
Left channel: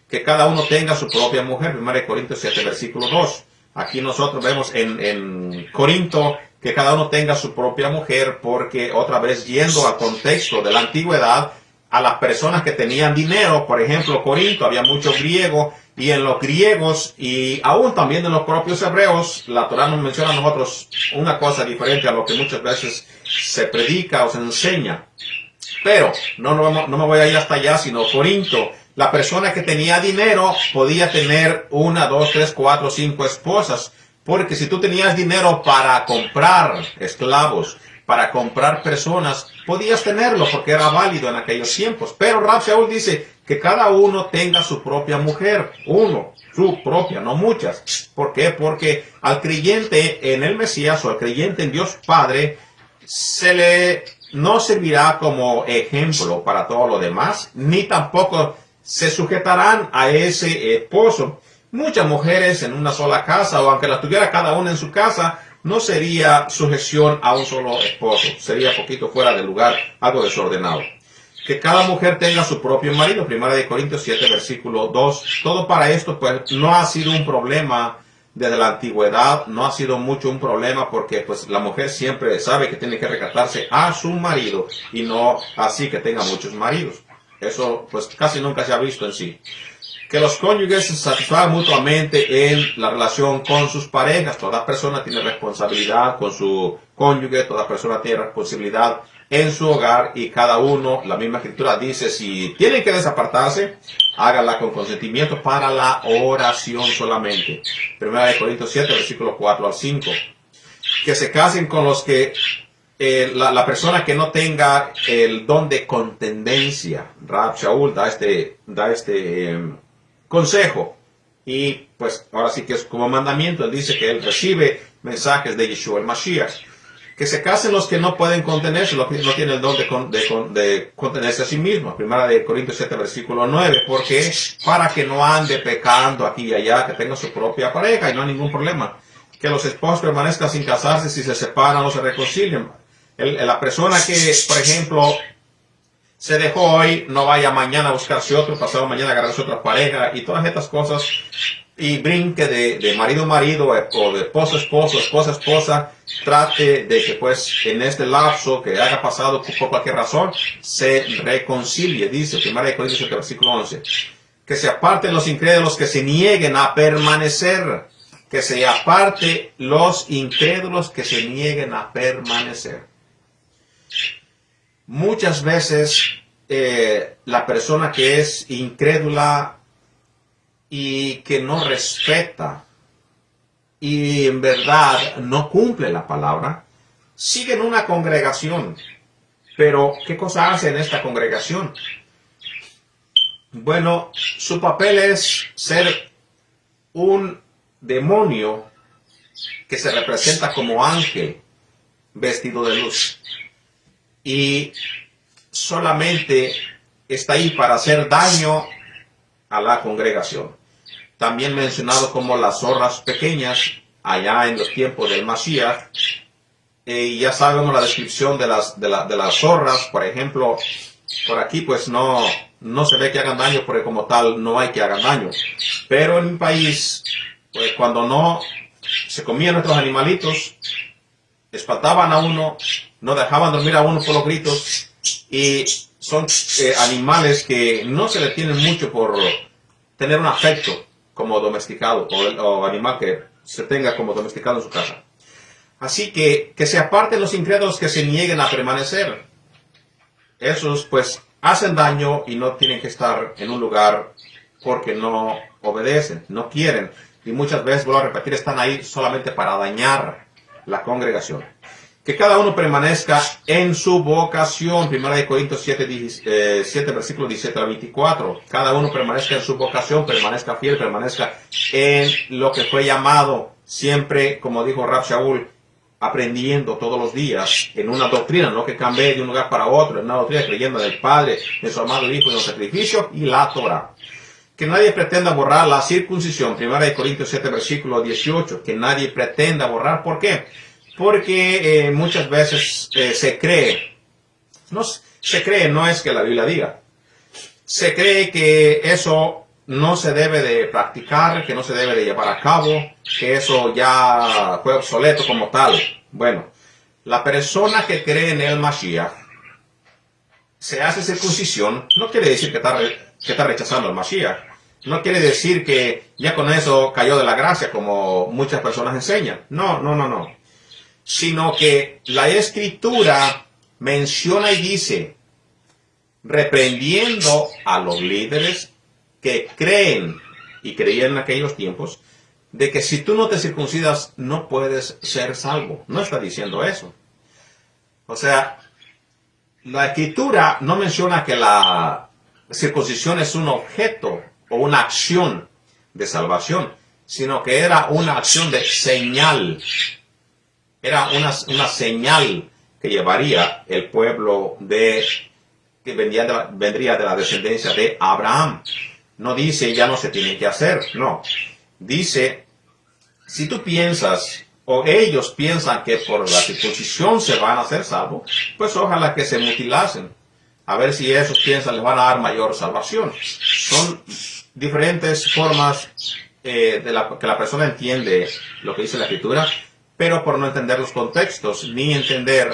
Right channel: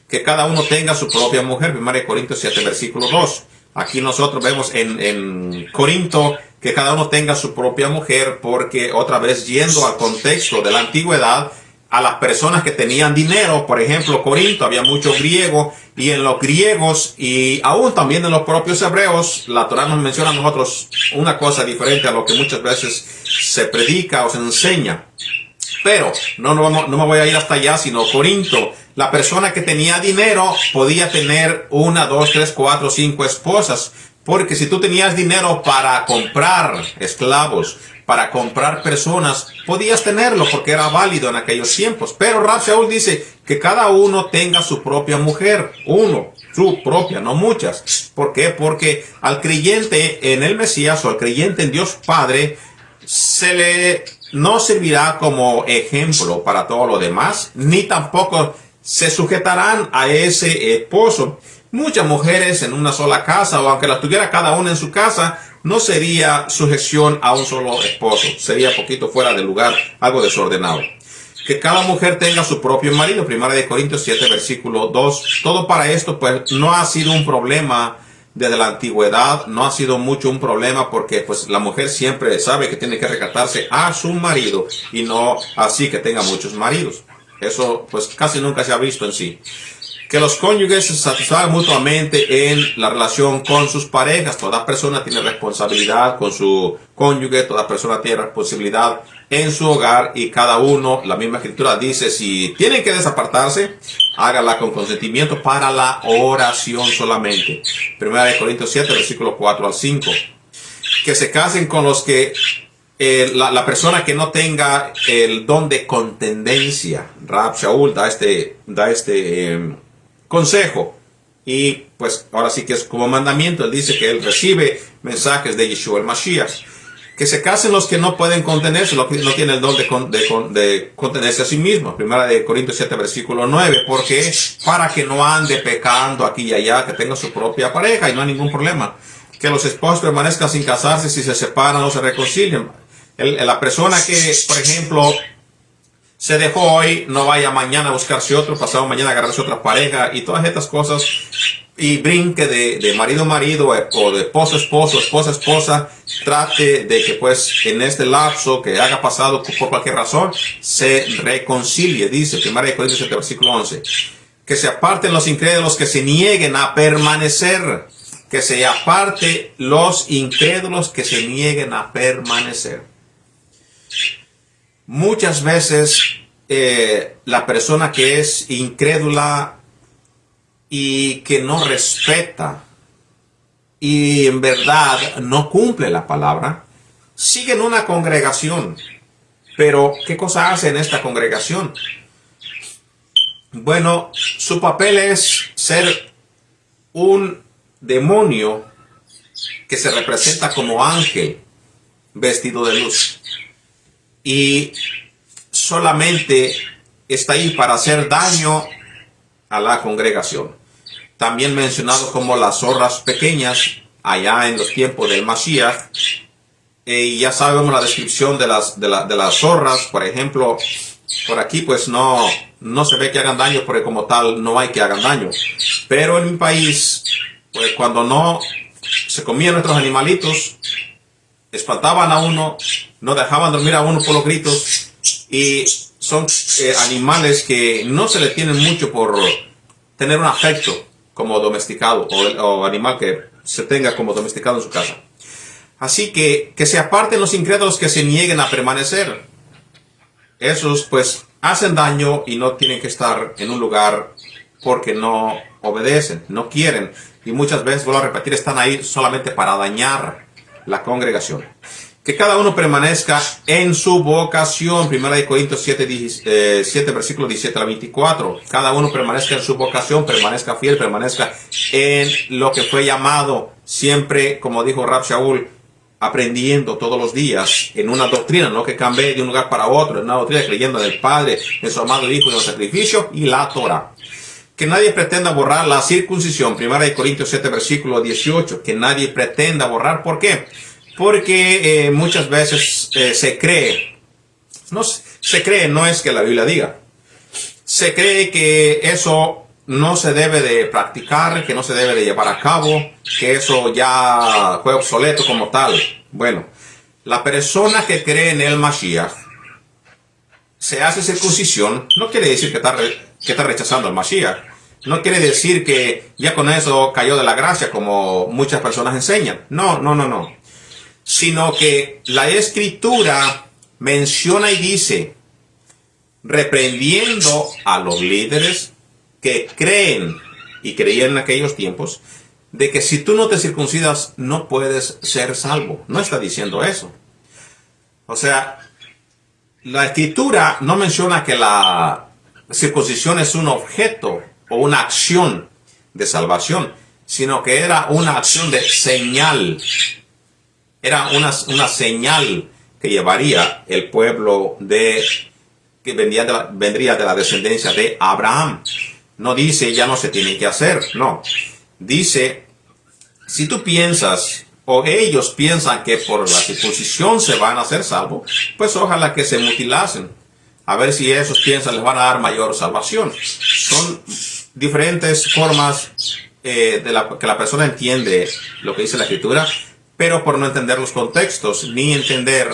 Que cada uno tenga su propia mujer. Primera de Corintios 7, versículo 2. Aquí nosotros vemos en Corinto que cada uno tenga su propia mujer, porque otra vez yendo al contexto de la antigüedad, a las personas que tenían dinero, por ejemplo, Corinto, había mucho griego, y en los griegos y aún también en los propios hebreos, la Torá nos menciona a nosotros una cosa diferente a lo que muchas veces se predica o se enseña. Pero no me voy a ir hasta allá, sino Corinto. La persona que tenía dinero podía tener 1, 2, 3, 4, 5 esposas. Porque si tú tenías dinero para comprar esclavos, para comprar personas, podías tenerlo porque era válido en aquellos tiempos. Pero Rab Shaul dice que cada uno tenga su propia mujer. Su propia, no muchas. ¿Por qué? Porque al creyente en el Mesías o al creyente en Dios Padre no servirá como ejemplo para todo lo demás, ni tampoco se sujetarán a ese esposo. Muchas mujeres en una sola casa, o aunque las tuviera cada una en su casa, no sería sujeción a un solo esposo. Sería poquito fuera de lugar, algo desordenado. Que cada mujer tenga su propio marido. Primera de Corintios 7, versículo 2. Todo para esto, pues, no ha sido un problema desde la antigüedad. No ha sido mucho un problema porque, pues, la mujer siempre sabe que tiene que recatarse a su marido y no así que tenga muchos maridos. Eso, pues, casi nunca se ha visto en sí. Que los cónyuges se satisfagan mutuamente en la relación con sus parejas. Toda persona tiene responsabilidad con su cónyuge, toda persona tiene responsabilidad en su hogar y cada uno, la misma escritura dice, si tienen que desapartarse, hágala con consentimiento para la oración solamente. Primera de Corintios 7, versículo 4 al 5. Que se casen con los que la persona que no tenga el don de contendencia. Rab Shaul da este consejo. Y pues ahora sí que es como mandamiento. Él dice que él recibe mensajes de Yeshua el Mashiach. Que se casen los que no pueden contenerse, los que no tienen el don de contenerse a sí mismos. Primera de Corintios 7, versículo 9. Porque para que no ande pecando aquí y allá, que tenga su propia pareja y no hay ningún problema. Que los esposos permanezcan sin casarse, si se separan o se reconcilian. La persona que, por ejemplo, se dejó hoy, no vaya mañana a buscarse otro, pasado mañana a agarrarse otra pareja y todas estas cosas, y brinque de marido a marido o de esposo a esposo, esposa a esposa, trate de que pues en este lapso que haya pasado por cualquier razón, se reconcilie, dice 1 Corintios 7, versículo 11, que se aparten los incrédulos que se nieguen a permanecer, que se aparte los incrédulos que se nieguen a permanecer. Muchas veces la persona que es incrédula y que no respeta y en verdad no cumple la palabra, sigue en una congregación. Pero, ¿qué cosa hace en esta congregación? Bueno, su papel es ser un demonio que se representa como ángel vestido de luz. Y solamente está ahí para hacer daño a la congregación. También mencionado como las zorras pequeñas allá en los tiempos del Mashiach. Y ya sabemos la descripción de las zorras. Por ejemplo, Por aquí pues no se ve que hagan daño porque como tal no hay que hagan daño. Pero en mi país, pues cuando no se comían nuestros animalitos, espantaban a uno, no dejaban dormir a uno por los gritos y son animales que no se le tienen mucho por tener un afecto como domesticado o animal que se tenga como domesticado en su casa. Así que se aparten los incrédulos que se nieguen a permanecer. Esos pues hacen daño y no tienen que estar en un lugar porque no obedecen, no quieren. Y muchas veces, vuelvo a repetir, están ahí solamente para dañar la congregación. Que cada uno permanezca en su vocación. 1 Corintios 7, versículo 17 al 24. Cada uno permanezca en su vocación, permanezca fiel, permanezca en lo que fue llamado. Siempre, como dijo Rab Shaul, aprendiendo todos los días en una doctrina, no que cambie de un lugar para otro, en una doctrina creyendo en el Padre, en su amado Hijo, en el sacrificio y la Torah. Que nadie pretenda borrar la circuncisión. 1 Corintios 7, versículo 18. Que nadie pretenda borrar. ¿Por qué? Porque muchas veces se cree, no es que la Biblia diga, se cree que eso no se debe de practicar, que no se debe de llevar a cabo, que eso ya fue obsoleto como tal. Bueno, la persona que cree en el Mashiach se hace circuncisión, no quiere decir que está rechazando al Mashiach. No quiere decir que ya con eso cayó de la gracia como muchas personas enseñan. No. Sino que la Escritura menciona y dice, reprendiendo a los líderes que creen y creían en aquellos tiempos, de que si tú no te circuncidas no puedes ser salvo. No está diciendo eso. O sea, la Escritura no menciona que la circuncisión es un objeto o una acción de salvación, sino que era una acción de señal. Era una señal que llevaría el pueblo que vendría de la descendencia de Abraham. No dice ya no se tiene que hacer, no. Dice, si tú piensas o ellos piensan que por la circuncisión se van a hacer salvos, pues ojalá que se mutilasen. A ver si esos piensan les van a dar mayor salvación. Son diferentes formas que la persona entiende lo que dice la Escritura, pero por no entender los contextos, ni entender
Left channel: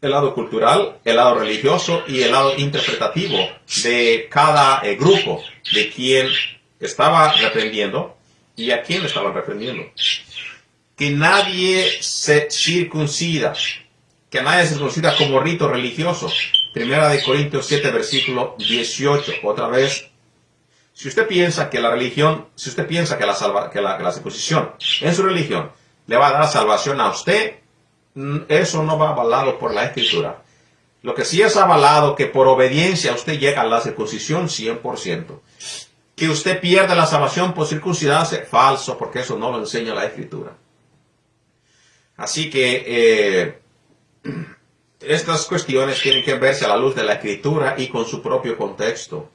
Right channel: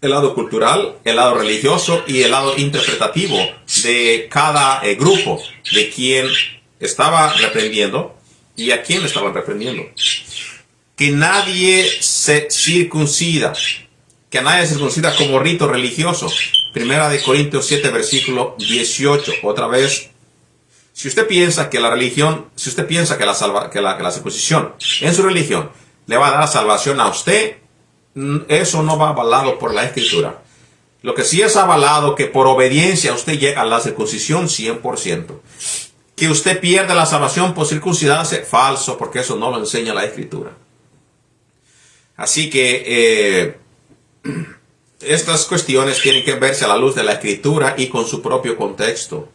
el lado cultural, el lado religioso y el lado interpretativo de cada grupo, de quien estaba reprendiendo y a quién le estaban reprendiendo. Que nadie se circuncida, como rito religioso. 1 Corintios 7, versículo 18, otra vez. Si usted piensa que la circuncisión en su religión le va a dar salvación a usted, eso no va avalado por la Escritura. Lo que sí es avalado que por obediencia usted llega a la circuncisión 100%. Que usted pierda la salvación por circuncidarse, falso, porque eso no lo enseña la Escritura. Así que estas cuestiones tienen que verse a la luz de la Escritura y con su propio contexto.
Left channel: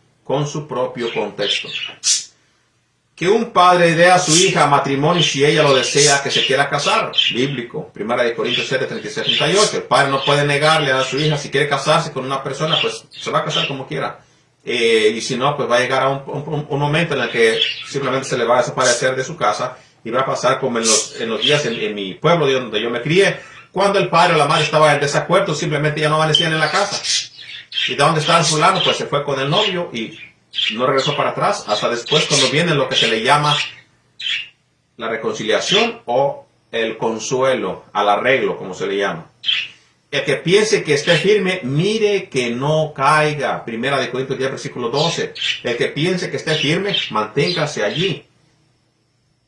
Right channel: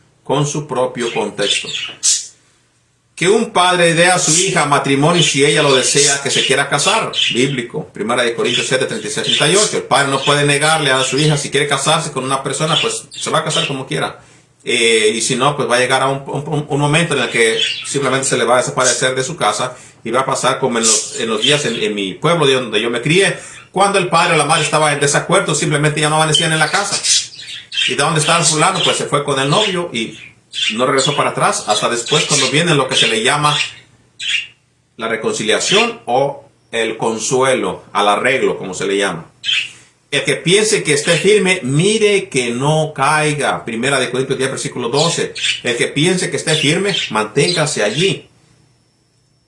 Que un padre dé a su hija matrimonio si ella lo desea que se quiera casar. Bíblico. 1 Corintios 7, 36, 38. El padre no puede negarle a su hija si quiere casarse con una persona, pues se va a casar como quiera. Y si no, pues va a llegar a un momento en el que simplemente se le va a desaparecer de su casa y va a pasar como en los días en mi pueblo donde yo me crié, cuando el padre o la madre estaba en desacuerdo, simplemente ya no amanecían en la casa. ¿Y de dónde estaba el fulano? Pues se fue con el novio y no regresó para atrás hasta después cuando viene lo que se le llama la reconciliación o el consuelo, al arreglo, como se le llama. El que piense que esté firme, mire que no caiga. 1 Corintios 10, versículo 12. El que piense que esté firme, manténgase allí.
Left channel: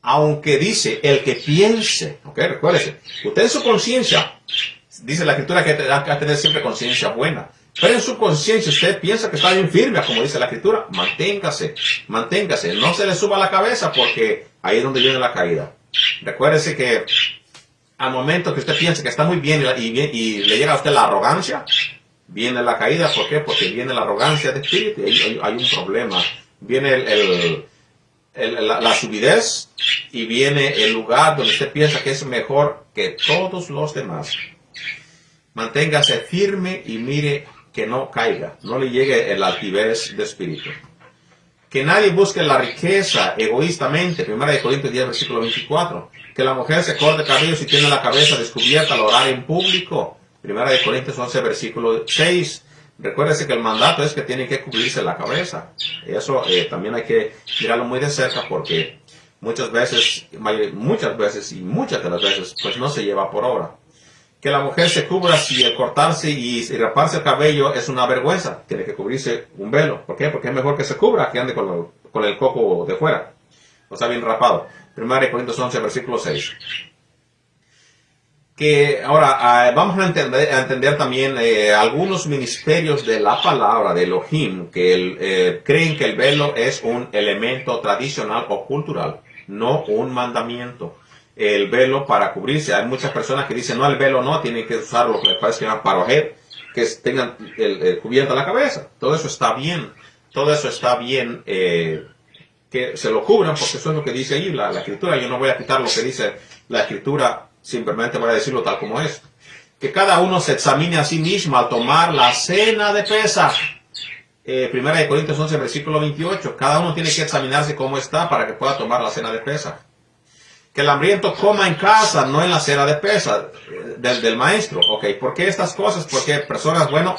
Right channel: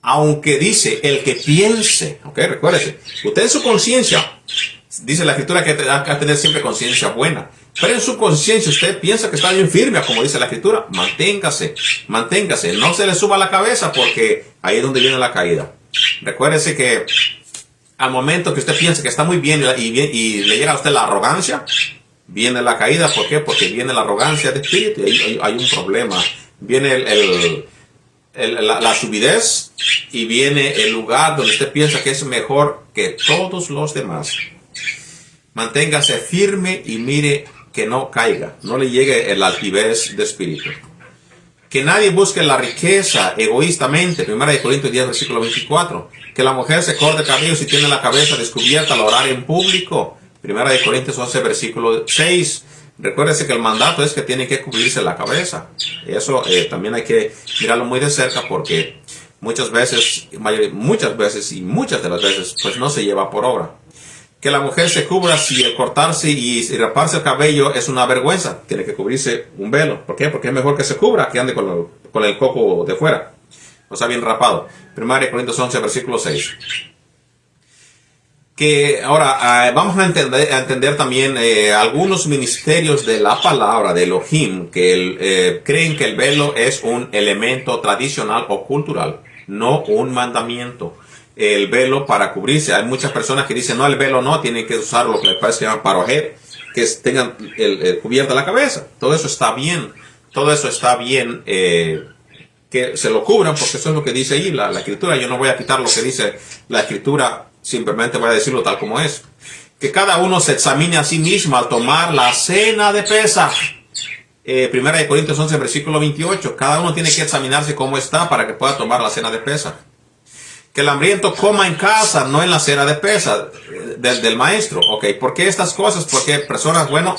Aunque dice, el que piense, ok, recuérdese, usted en su conciencia, dice la Escritura que hay que tener siempre conciencia buena. Pero en su conciencia usted piensa que está bien firme, como dice la Escritura, manténgase, no se le suba la cabeza porque ahí es donde viene la caída. Recuérdese que al momento que usted piensa que está muy bien y le llega a usted la arrogancia, viene la caída. ¿Por qué? Porque viene la arrogancia de espíritu y hay un problema. Viene la subidez y viene el lugar donde usted piensa que es mejor que todos los demás. Manténgase firme y mire que no caiga, no le llegue el altivez de espíritu. Que nadie busque la riqueza egoístamente. 1 Corintios 10, versículo 24. Que la mujer se corte cabello si tiene la cabeza descubierta al orar en público. 1 Corintios 11, versículo 6. Recuérdese que el mandato es que tiene que cubrirse la cabeza. Eso también hay que mirarlo muy de cerca porque muchas veces y muchas de las veces pues no se lleva por obra. Que la mujer se cubra si el cortarse y raparse el cabello es una vergüenza. Tiene que cubrirse un velo. ¿Por qué? Porque es mejor que se cubra que ande con el coco de fuera. O sea, bien rapado. 1 Corintios 11, versículo 6. Que ahora vamos a entender también algunos ministerios de la palabra de Elohim que creen que el velo es un elemento tradicional o cultural, no un mandamiento. El velo para cubrirse. Hay muchas personas que dicen, no, el velo no, tienen que usar lo que les parece que llaman parojet, que tengan cubierta la cabeza. Todo eso está bien. Todo eso está bien que se lo cubran, porque eso es lo que dice ahí la escritura. Yo no voy a quitar lo que dice la escritura, simplemente voy a decirlo tal como es. Que cada uno se examine a sí mismo al tomar la cena de Pesaj. 1 Corintios 11, versículo 28. Cada uno tiene que examinarse cómo está para que pueda tomar la cena de Pesaj. Que el hambriento coma en casa, no en la cena de Pesaj del maestro. Ok, ¿por qué estas cosas? Porque personas, bueno,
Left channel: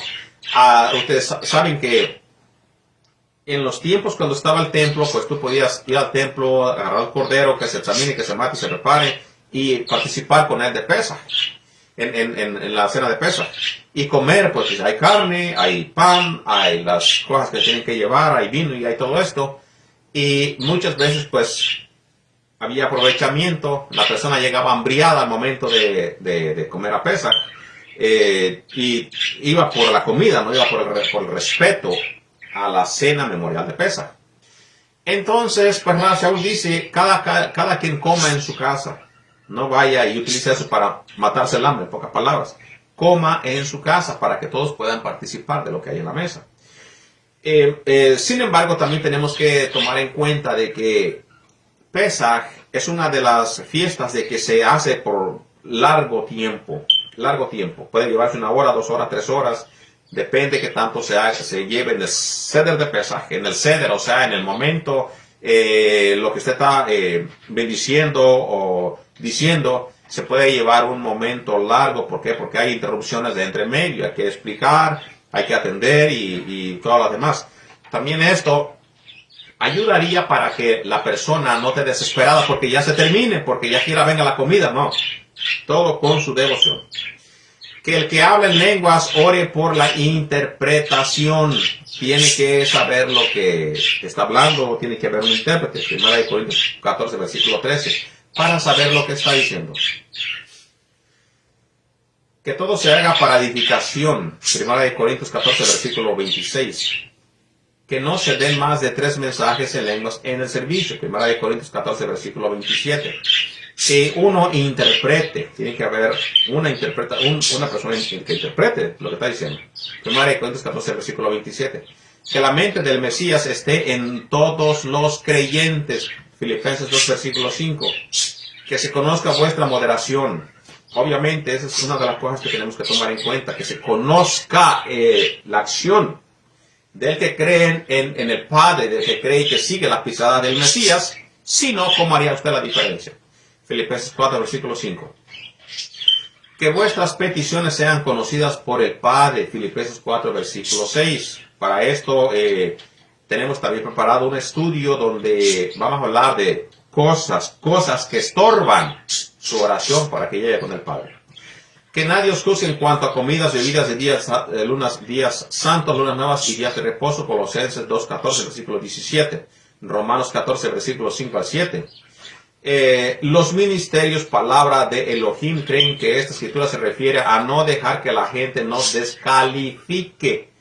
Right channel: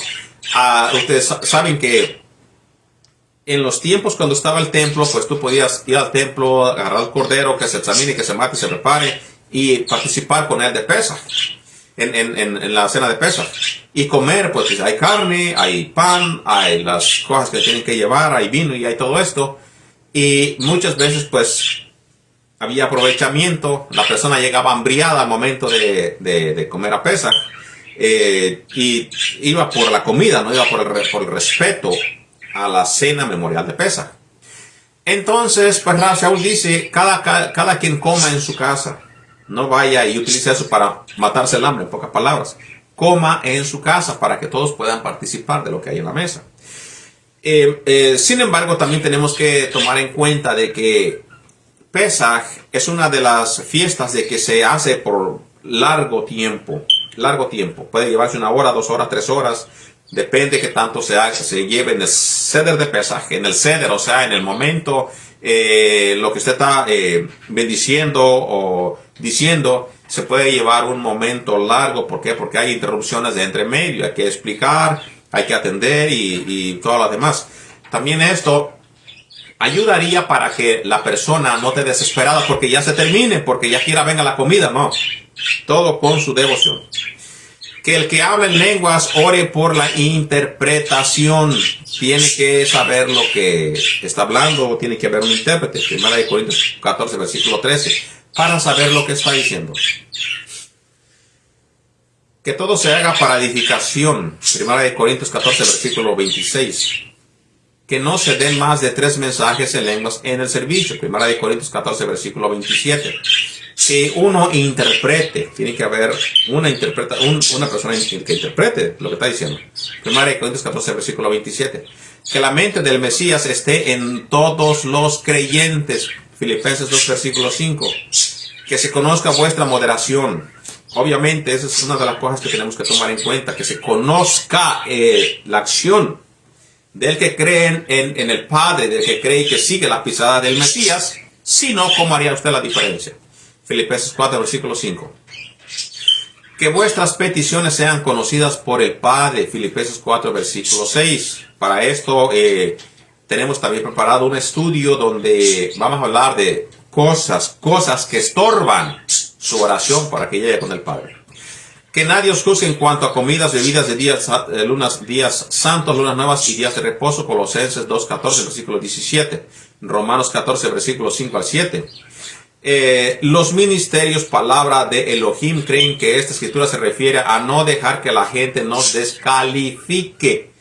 ustedes saben que en los tiempos cuando estaba el templo, pues tú podías ir al templo, agarrar al cordero, que se examine, que se mate, se prepare y participar con él de Pesaj, en la cena de Pesaj. Y comer, pues hay carne, hay pan, hay las cosas que tienen que llevar, hay vino y hay todo esto. Y muchas veces, pues, había aprovechamiento, la persona llegaba hambriada al momento de comer a Pesaj, y iba por la comida, no iba por el respeto a la cena memorial de Pesaj. Entonces, pues Saúl dice, cada quien coma en su casa, no vaya y utilice eso para matarse el hambre, en pocas palabras. Coma en su casa para que todos puedan participar de lo que hay en la mesa. Sin embargo, también tenemos que tomar en cuenta de que Pesaj es una de las fiestas de que se hace por largo tiempo. Puede llevarse 1 hora, 2 horas, 3 horas. Depende que tanto se lleve en el ceder de Pesaj, en el ceder, o sea, en el momento, lo que usted está bendiciendo o diciendo, se puede llevar un momento largo. ¿Por qué? Porque hay interrupciones de entre medio, hay que explicar, hay que atender y todo lo demás. También esto ayudaría para que la persona no esté desesperada porque ya se termine, porque ya quiera venga la comida, no. Todo con su devoción. Que el que habla en lenguas ore por la interpretación. Tiene que saber lo que está hablando, o tiene que haber un intérprete. 1 Corintios 14, versículo 13. Para saber lo que está diciendo. Que todo se haga para edificación. 1 Corintios 14, versículo 26. Que no se den más de 3 mensajes en lenguas en el servicio. 1 Corintios 14, versículo 27. Que uno interprete. Tiene que haber una persona que interprete lo que está diciendo. 1 Corintios 14, versículo 27. Que la mente del Mesías esté en todos los creyentes. Filipenses 2, versículo 5. Que se conozca vuestra moderación. Obviamente, esa es una de las cosas que tenemos que tomar en cuenta. Que se conozca la acción del que cree en el Padre, del que cree que sigue la pisada del Mesías. Si no, ¿cómo haría usted la diferencia? Filipenses 4, versículo 5. Que vuestras peticiones sean conocidas por el Padre. Filipenses 4, versículo 6. Para esto tenemos también preparado un estudio donde vamos a hablar de cosas que estorban su oración para que llegue con el Padre. Que nadie os juzgue en cuanto a comidas, bebidas de días santos, lunas nuevas y días de reposo. Colosenses 2, 14, versículo 17. Romanos 14, versículos 5 al 7. Los ministerios, palabra de Elohim, creen que esta escritura se refiere a no dejar que la gente nos descalifique.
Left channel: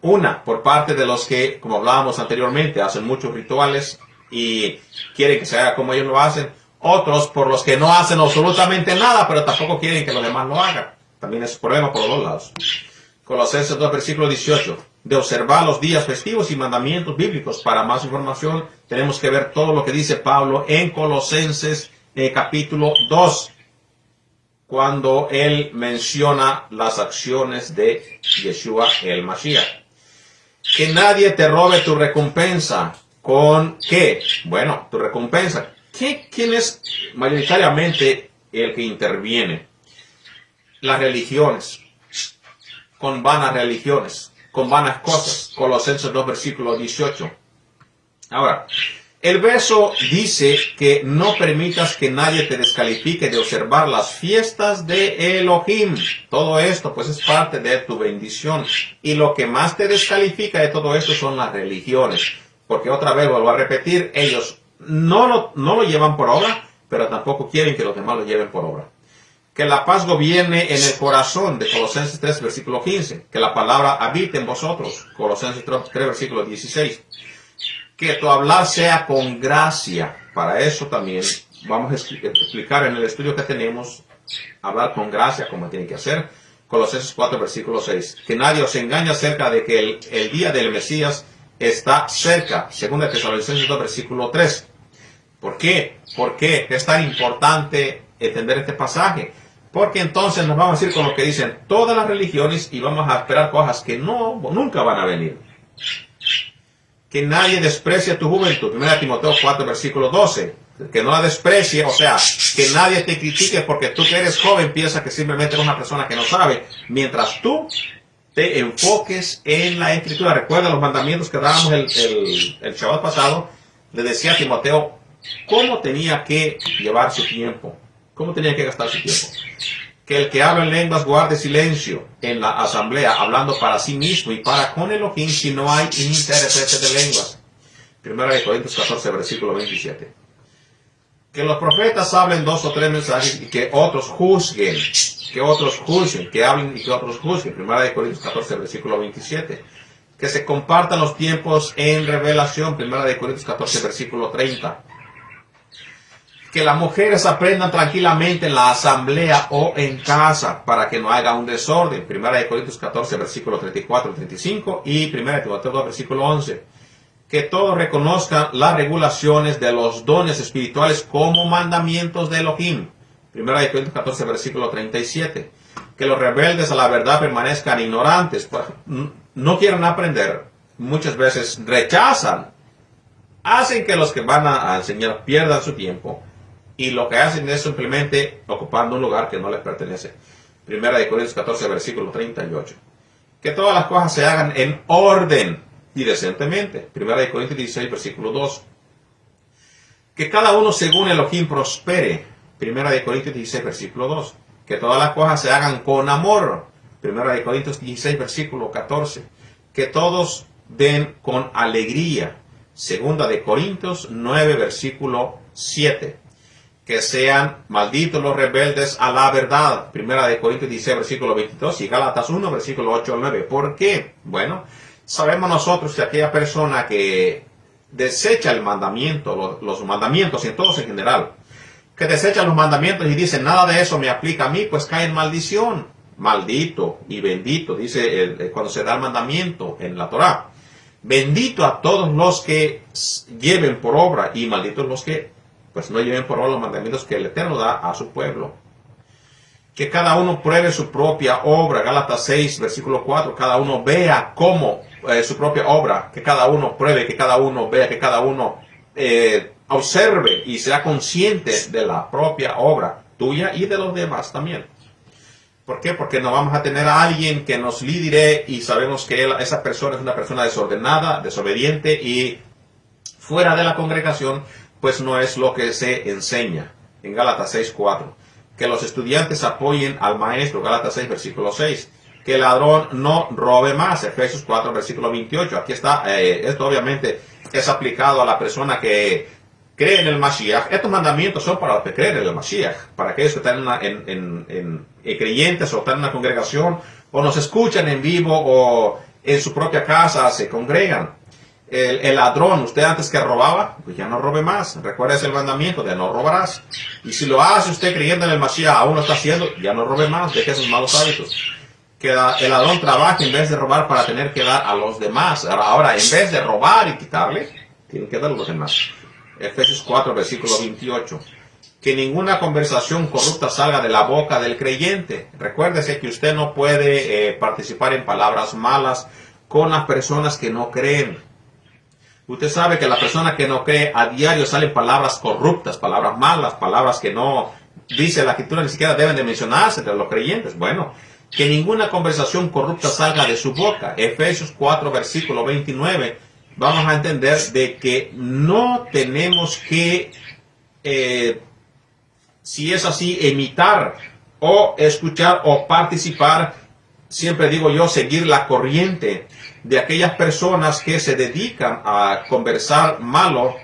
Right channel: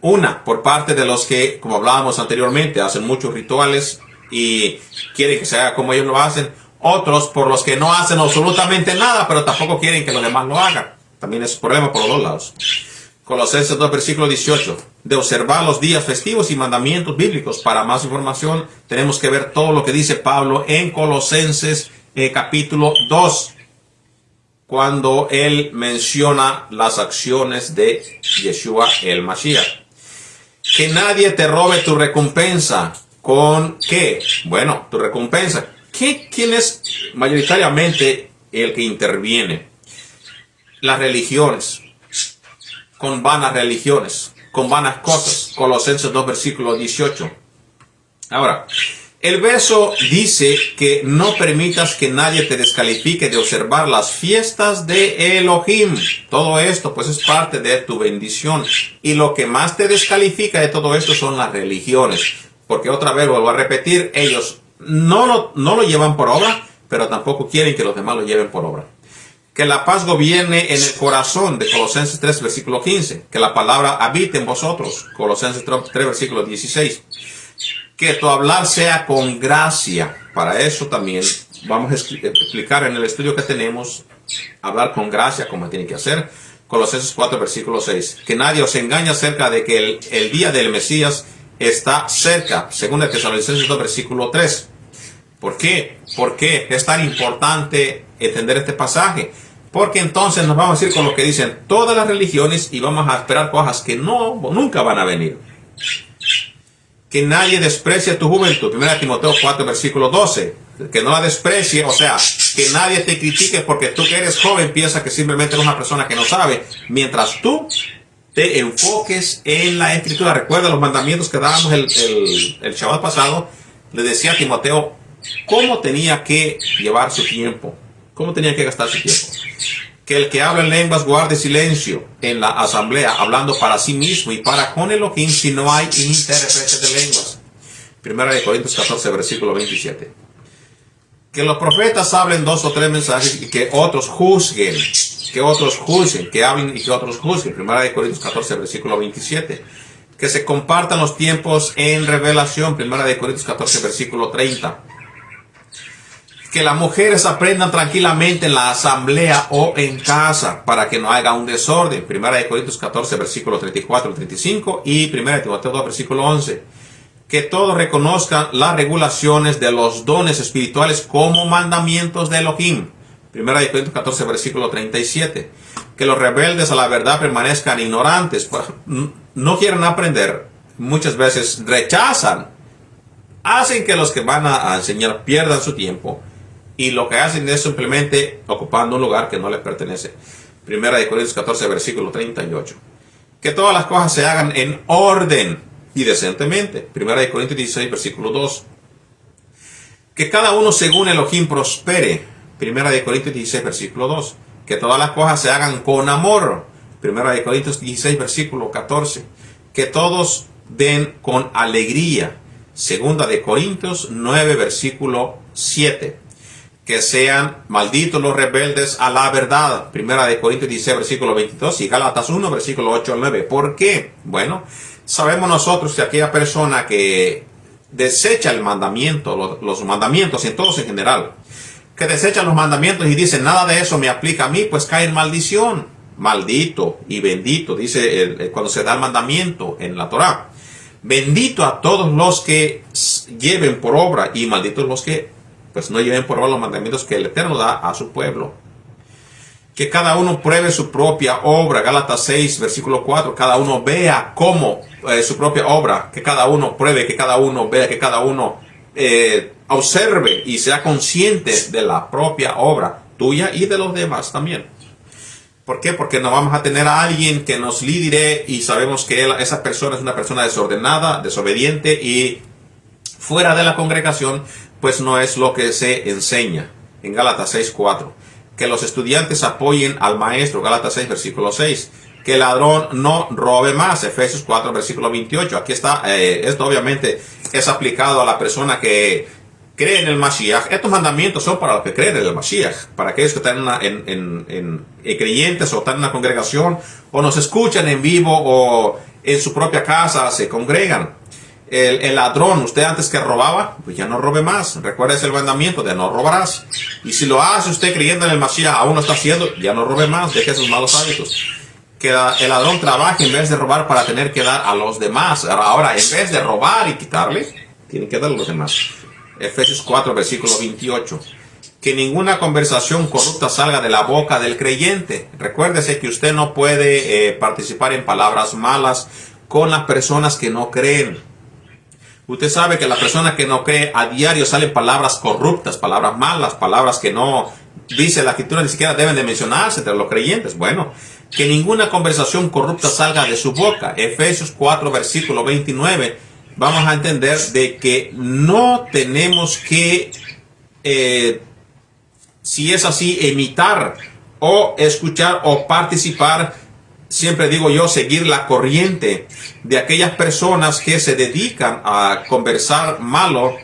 Por parte de los que, como hablábamos anteriormente, hacen muchos rituales y quieren que se haga como ellos lo hacen. Otros por los que no hacen absolutamente nada, pero tampoco quieren que los demás lo hagan. También es un problema por los dos lados. Colosenses 2, versículo 18. De observar los días festivos y mandamientos bíblicos. Para más información tenemos que ver todo lo que dice Pablo en Colosenses capítulo 2. cuando él menciona las acciones de Yeshua el Mashiach. Que nadie te robe tu recompensa. ¿Con qué? Bueno, tu recompensa. ¿Quién es mayoritariamente el que interviene? Las religiones. Con vanas religiones. Con vanas cosas. Colosenses 2, versículo 18. Ahora, el verso dice que no permitas que nadie te descalifique de observar las fiestas de Elohim. Todo esto pues es parte de tu bendición. Y lo que más te descalifica de todo esto son las religiones. Porque otra vez vuelvo a repetir, ellos no lo llevan por obra, pero tampoco quieren que los demás lo lleven por obra. Que la paz gobierne en el corazón, de Colosenses 3, versículo 15. Que la palabra habite en vosotros, Colosenses 3, versículo 16. Que tu hablar sea con gracia. Para eso también vamos a explicar en el estudio que tenemos, hablar con gracia, como tiene que hacer. Colosenses 4, versículo 6. Que nadie os engañe acerca de que el día del Mesías está cerca. Según el Tesalonicenses 2, versículo 3. ¿Por qué? ¿Por qué es tan importante entender este pasaje? Porque entonces nos vamos a ir con lo que dicen todas las religiones y vamos a esperar cosas que nunca van a venir. Que nadie desprecie tu juventud. 1 Timoteo 4, versículo 12. Que no la desprecie, o sea, que nadie te critique porque tú que eres joven piensas que simplemente eres una persona que no sabe. Mientras tú te enfoques en la Escritura. Recuerda los mandamientos que dábamos el Shabbat pasado. Le decía a Timoteo cómo tenía que llevar su tiempo. Cómo tenía que gastar su tiempo. Que el que habla en lenguas guarde silencio en la asamblea, hablando para sí mismo y para con Elohim, si no hay intérpretes de lenguas. 1 Corintios 14, versículo 27. Que los profetas hablen 2 o 3 mensajes y que otros juzguen. Que otros juzguen, que hablen y que otros juzguen. 1 Corintios 14, versículo 27. Que se compartan los tiempos en revelación. 1 Corintios 14, versículo 30. Que las mujeres aprendan tranquilamente en la asamblea o en casa para que no haya un desorden. 1 Corintios 14, versículo 34 y 35 y 1 Timoteo 2, versículo 11. Que todos reconozcan las regulaciones de los dones espirituales como mandamientos de Elohim. 1 Corintios 14, versículo 37. Que los rebeldes a la verdad permanezcan ignorantes. No quieren aprender. Muchas veces rechazan. Hacen que los que van a enseñar pierdan su tiempo. Y lo que hacen es simplemente ocupando un lugar que no les pertenece. 1 Corintios 14, versículo 38. Que todas las cosas se hagan en orden y decentemente. 1 Corintios 16, versículo 2. Que cada uno según Elohim prospere. 1 Corintios 16, versículo 2. Que todas las cosas se hagan con amor. 1 Corintios 16, versículo 14. Que todos den con alegría. 2 Corintios 9, versículo 7. Que sean malditos los rebeldes a la verdad. 1 Corintios 16, versículo 22 y Gálatas 1, versículo 8 al 9. ¿Por qué? Bueno, sabemos nosotros que aquella persona que desecha el mandamiento, los mandamientos en todos en general, que desecha los mandamientos y dice nada de eso me aplica a mí, pues cae en maldición. Maldito y bendito, dice cuando se da el mandamiento en la Torá. Bendito a todos los que lleven por obra y malditos los que pues no lleven por obra los mandamientos que el Eterno da a su pueblo. Que cada uno pruebe su propia obra. Gálatas 6, versículo 4. Cada uno vea cómo su propia obra. Que cada uno pruebe, que cada uno vea, que cada uno observe y sea consciente de la propia obra tuya y de los demás también. ¿Por qué? Porque no vamos a tener a alguien que nos lidere y sabemos que esa persona es una persona desordenada, desobediente y fuera de la congregación, pues no es lo que se enseña. En Gálatas 6:4. Que los estudiantes apoyen al maestro. Gálatas 6, versículo 6. Que el ladrón no robe más. Efesios 4, versículo 28. Aquí está, esto obviamente es aplicado a la persona que cree en el Mashiach. Estos mandamientos son para los que creen en el Mashiach. Para aquellos que están en creyentes o están en una congregación o nos escuchan en vivo o en su propia casa se congregan. El ladrón, usted antes que robaba, pues ya no robe más. Recuerda ese mandamiento de no robarás. Y si lo hace usted creyendo en el Mashiach, aún lo está haciendo, ya no robe más, deje sus malos hábitos. Que el ladrón trabaje en vez de robar para tener que dar a los demás. Ahora, en vez de robar y quitarle, tiene que dar a los demás. Efesios 4, versículo 28. que ninguna conversación corrupta salga de la boca del creyente. Recuérdese que usted no puede participar en palabras malas con las personas que no creen. Usted sabe que la persona que no cree, a diario salen palabras corruptas, palabras malas, palabras que no dice la escritura ni siquiera deben de mencionarse entre los creyentes. Bueno, que ninguna conversación corrupta salga de su boca. Efesios 4, versículo 29. Vamos a entender de que no tenemos que, si es así, imitar o escuchar o participar, siempre digo yo, seguir la corriente de aquellas personas que se dedican a conversar malo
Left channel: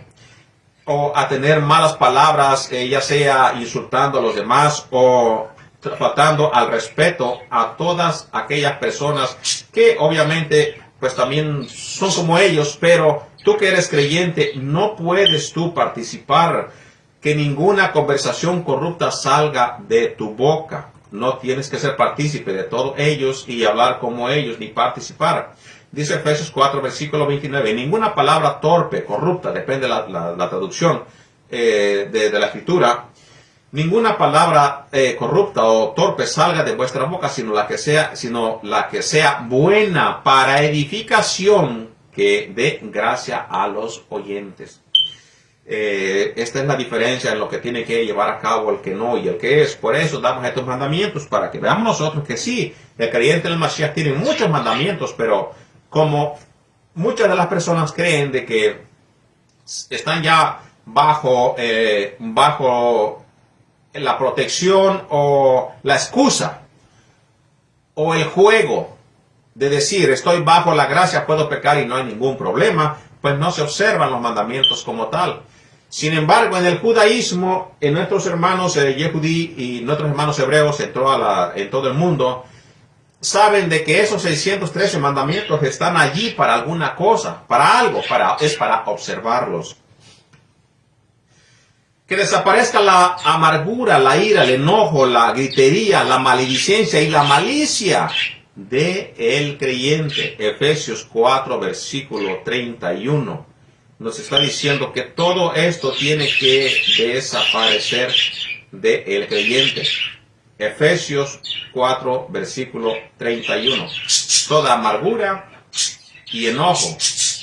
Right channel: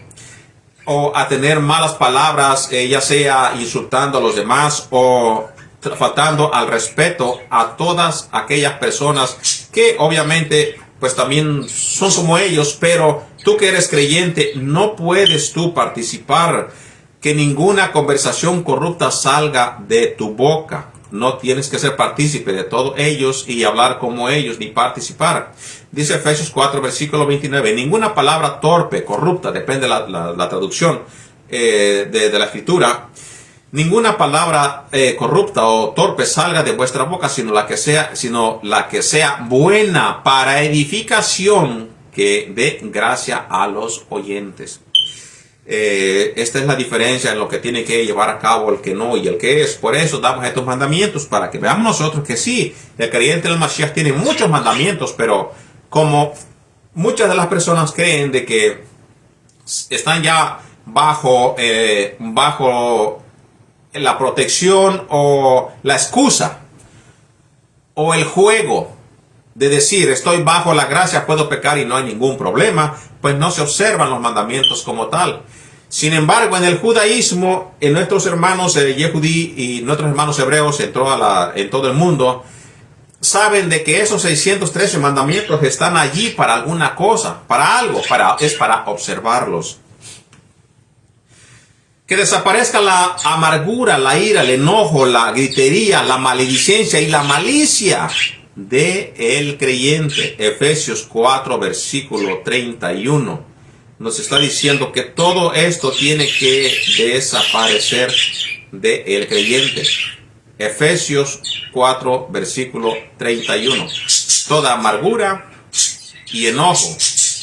o a tener malas palabras, ya sea insultando a los demás o faltando al respeto a todas aquellas personas que obviamente pues también son como ellos, pero tú que eres creyente no puedes tú participar, que ninguna conversación corrupta salga de tu boca. No tienes que ser partícipe de todos ellos y hablar como ellos, ni participar. Dice Efesios 4, versículo 29, ninguna palabra torpe, corrupta, depende de la traducción de la escritura, ninguna palabra corrupta o torpe salga de vuestra boca, sino la que sea buena para edificación, que dé gracia a los oyentes. Esta es la diferencia en lo que tiene que llevar a cabo el que no y el que es. Por eso damos estos mandamientos, para que veamos nosotros que sí, el creyente del Mashiach tiene muchos mandamientos, pero como muchas de las personas creen de que están ya bajo la protección o la excusa o el juego de decir estoy bajo la gracia, puedo pecar y no hay ningún problema, pues no se observan los mandamientos como tal. Sin embargo, en el judaísmo, en nuestros hermanos Yehudí y nuestros hermanos hebreos en todo el mundo, saben de que esos 613 mandamientos están allí para alguna cosa, para algo, es para observarlos. Que desaparezca la amargura, la ira, el enojo, la gritería, la maledicencia y la malicia de el creyente. Efesios 4, versículo 31. Nos está diciendo que todo esto tiene que desaparecer de el creyente. Efesios 4, versículo 31. Toda amargura y enojo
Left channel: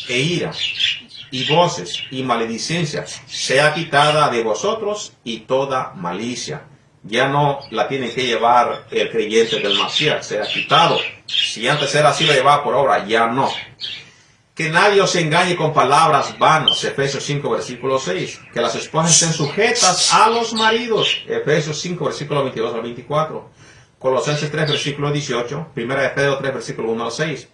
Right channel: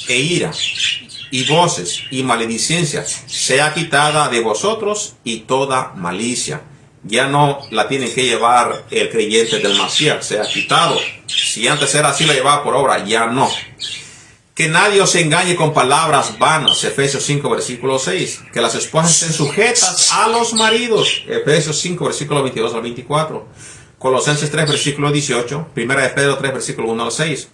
e ira y voces y maledicencia sea quitada de vosotros, y toda malicia. Ya no la tiene que llevar el creyente del Mashiach, sea quitado. Si antes era así, la llevaba por obra, ya no. Que nadie os engañe con palabras vanas, Efesios 5, versículo 6. Que las esposas estén sujetas a los maridos, Efesios 5, versículo 22 al 24. Colosenses 3, versículo 18. Primera de Pedro 3, versículo 1 al 6.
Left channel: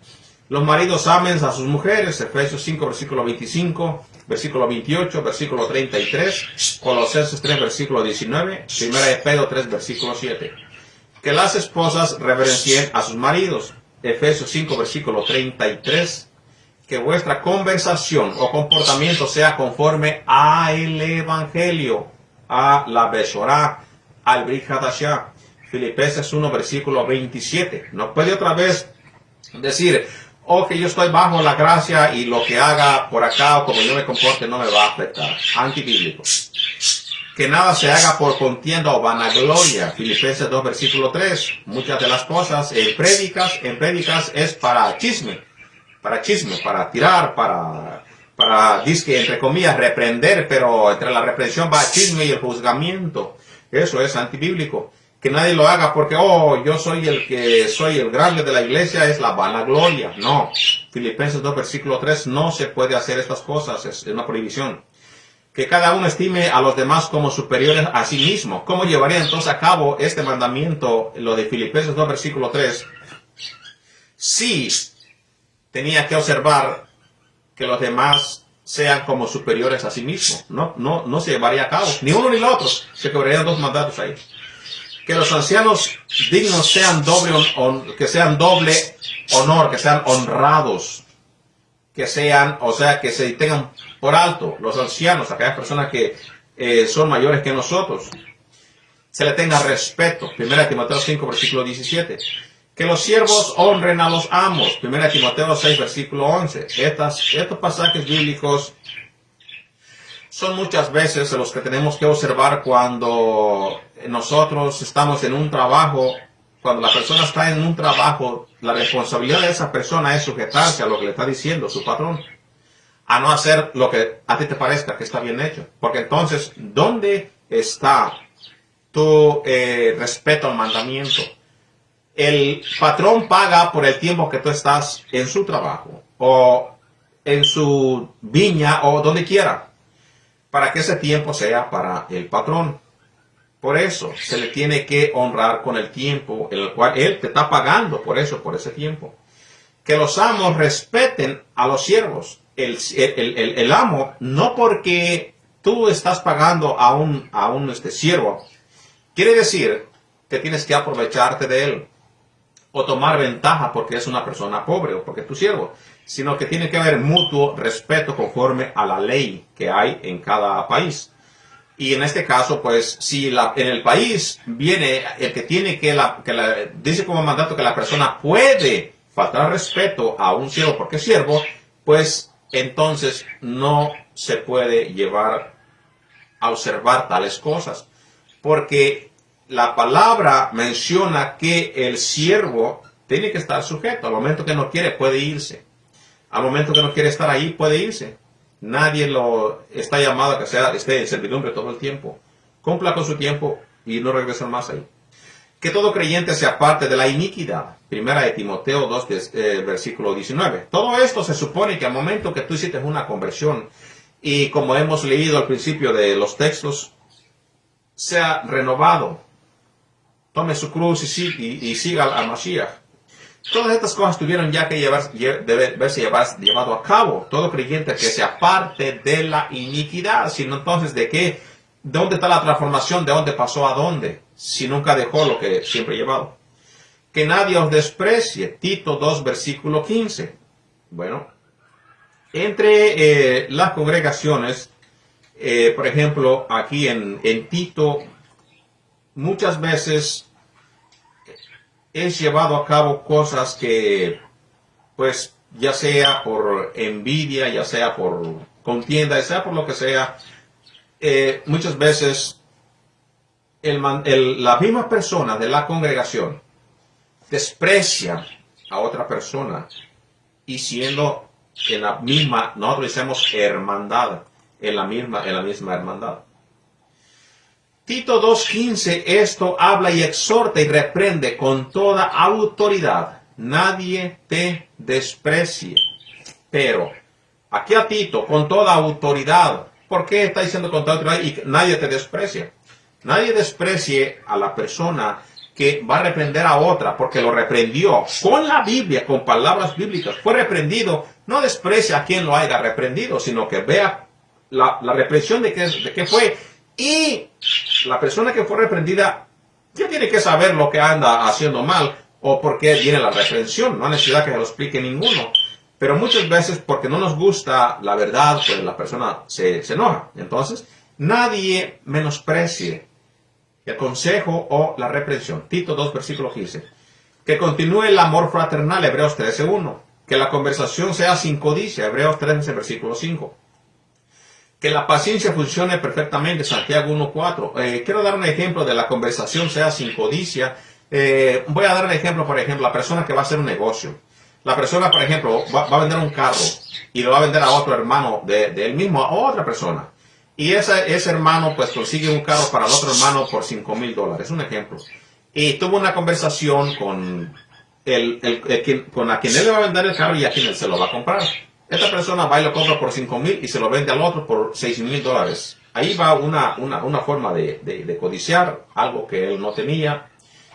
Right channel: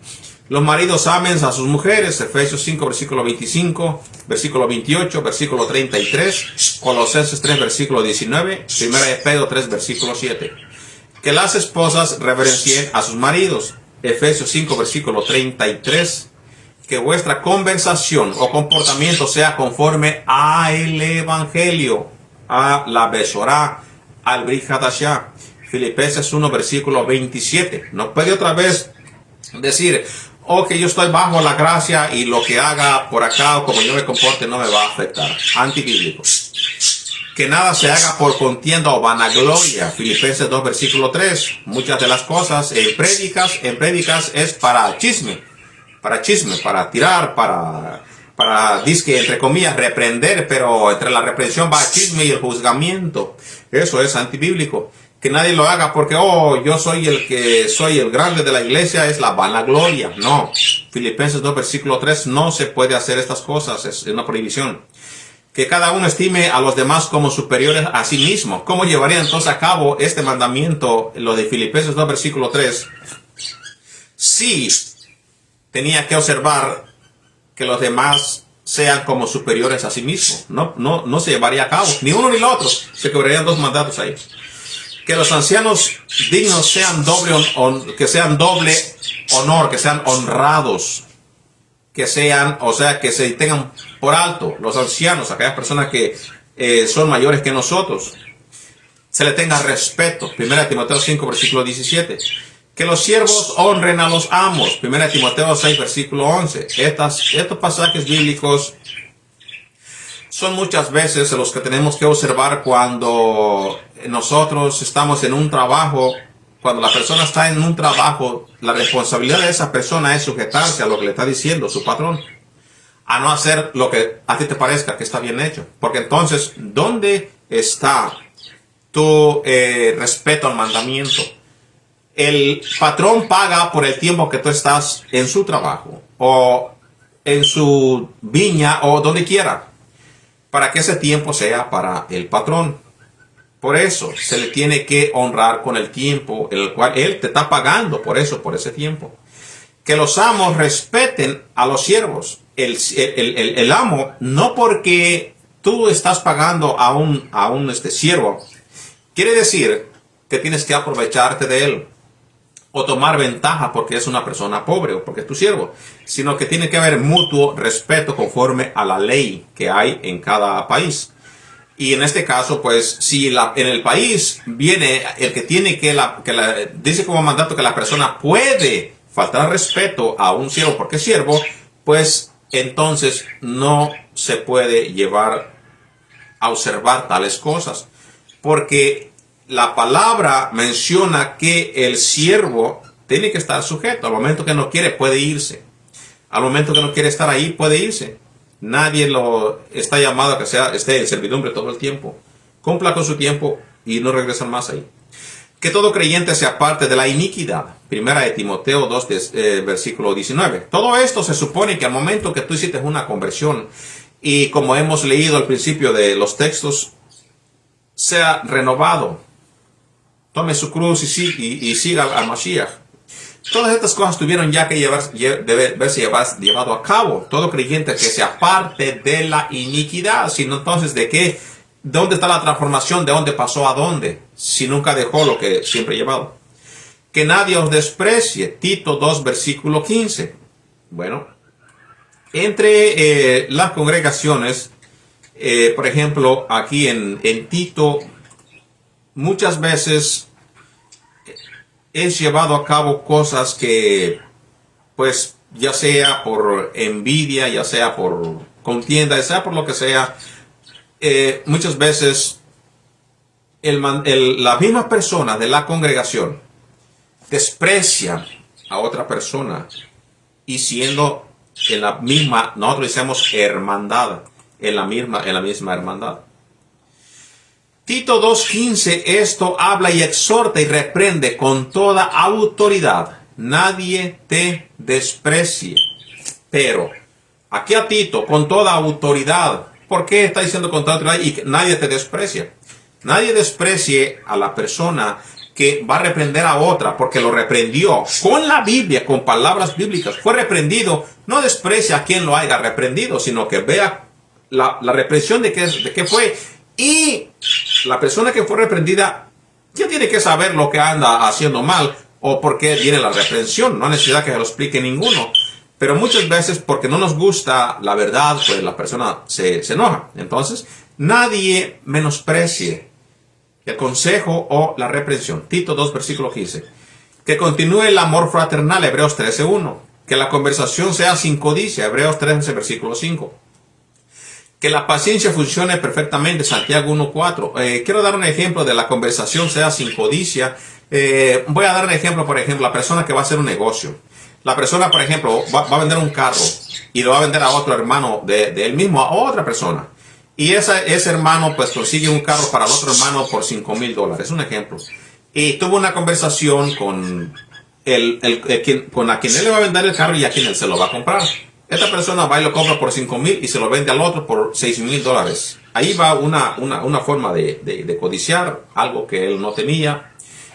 Los maridos amen a sus mujeres, Efesios 5, versículo 25, versículo 28, versículo 33, Colosenses 3, versículo 19, Primera de Pedro 3, versículo 7. Que las esposas reverencien a sus maridos, Efesios 5, versículo 33. Que vuestra conversación o comportamiento sea conforme al Evangelio, a la Besorá, al Brit Hadashah, Filipenses 1, versículo 27. No puede otra vez decir, que yo estoy bajo la gracia y lo que haga por acá o como yo me comporte no me va a afectar. Antibíblico. Que nada se haga por contienda o vanagloria. Filipenses 2, versículo 3. Muchas de las cosas en prédicas es para chisme, para tirar, para disque, entre comillas, reprender, pero entre la reprensión va el chisme y el juzgamiento. Eso es antibíblico. Que nadie lo haga porque, yo soy el grande de la iglesia, es la vanagloria. No. Filipenses 2, versículo 3, no se puede hacer estas cosas, es una prohibición. Que cada uno estime a los demás como superiores a sí mismo. ¿Cómo llevaría entonces a cabo este mandamiento, lo de Filipenses 2, versículo 3? Sí, tenía que observar que los demás sean como superiores a sí mismos. No se llevaría a cabo, ni uno ni el otro. Se quebrarían dos mandatos ahí. Que los ancianos dignos que sean doble honor, que sean honrados, que se tengan por alto los ancianos, aquellas personas que son mayores que nosotros. Se le tenga respeto. 1 Timoteo 5, versículo 17. Que los siervos honren a los amos. 1 Timoteo 6, versículo 11. Estos pasajes bíblicos son muchas veces los que tenemos que observar cuando nosotros estamos en un trabajo. Cuando la persona está en un trabajo, la responsabilidad de esa persona es sujetarse a lo que le está diciendo su patrón, a no hacer lo que a ti te parezca que está bien hecho. Porque entonces, ¿dónde está tu respeto al mandamiento? El patrón paga por el tiempo que tú estás en su trabajo o en su viña o donde quiera, para que ese tiempo sea para el patrón. Por eso se le tiene que honrar con el tiempo en el cual él te está pagando por eso, por ese tiempo. Que los amos respeten a los siervos. El amo, no porque tú estás pagando a un siervo, quiere decir que tienes que aprovecharte de él o tomar ventaja porque es una persona pobre o porque es tu siervo, sino que tiene que haber mutuo respeto conforme a la ley que hay en cada país. Y en este caso, pues, si en el país viene el que tiene dice como mandato que la persona puede faltar respeto a un siervo porque es siervo, pues entonces no se puede llevar a observar tales cosas. Porque la palabra menciona que el siervo tiene que estar sujeto. Al momento que no quiere, puede irse. Al momento que no quiere estar ahí, puede irse. Nadie lo está llamado a que esté en servidumbre todo el tiempo. Cumpla con su tiempo y no regresa más ahí. Que todo creyente se aparte de la iniquidad. Primera de Timoteo 2, versículo 19. Todo esto se supone que al momento que tú hiciste una conversión y como hemos leído al principio de los textos, sea renovado. Tome su cruz y siga al Mashiach. Todas estas cosas tuvieron ya que verse llevado a cabo. Todo creyente que se aparte de la iniquidad. Sino entonces, ¿dónde está la transformación? ¿De dónde pasó a dónde? Si nunca dejó lo que siempre llevado. Que nadie os desprecie. Tito 2, versículo 15. Bueno, entre las congregaciones, por ejemplo, aquí en Tito, muchas veces es llevado a cabo cosas que, pues, ya sea por envidia, ya sea por contienda, ya sea por lo que sea, muchas veces la misma persona de la congregación desprecia a otra persona y siendo en la misma, nosotros decimos hermandad, en la misma hermandad. Tito 2:15, esto habla y exhorta y reprende con toda autoridad. Nadie te desprecie. Pero, aquí a Tito, con toda autoridad. ¿Por qué está diciendo con toda autoridad y nadie te desprecia? Nadie desprecie a la persona que va a reprender a otra porque lo reprendió con la Biblia, con palabras bíblicas. Fue reprendido, no desprecia a quien lo haya reprendido, sino que vea la reprensión de qué fue. Y la persona que fue reprendida ya tiene que saber lo que anda haciendo mal o por qué viene la reprensión. No hay necesidad que se lo explique ninguno. Pero muchas veces porque no nos gusta la verdad, pues la persona se enoja. Entonces, nadie menosprecie el consejo o la reprensión. Tito 2, versículo 15. Que continúe el amor fraternal, Hebreos 13:1. Que la conversación sea sin codicia, Hebreos 13, versículo 5. Que la paciencia funcione perfectamente, Santiago 1:4. Quiero dar un ejemplo de la conversación sea sin codicia. Voy a dar un ejemplo, por ejemplo, la persona que va a hacer un negocio. La persona, por ejemplo, va a vender un carro y lo va a vender a otro hermano de él mismo, a otra persona. Y ese hermano pues consigue un carro para el otro hermano por $5,000. Un ejemplo. Y tuvo una conversación con a quien él le va a vender el carro y a quien él se lo va a comprar. Esta persona va y lo compra por $5,000 y se lo vende al otro por $6,000. Ahí va una forma de codiciar algo que él no tenía,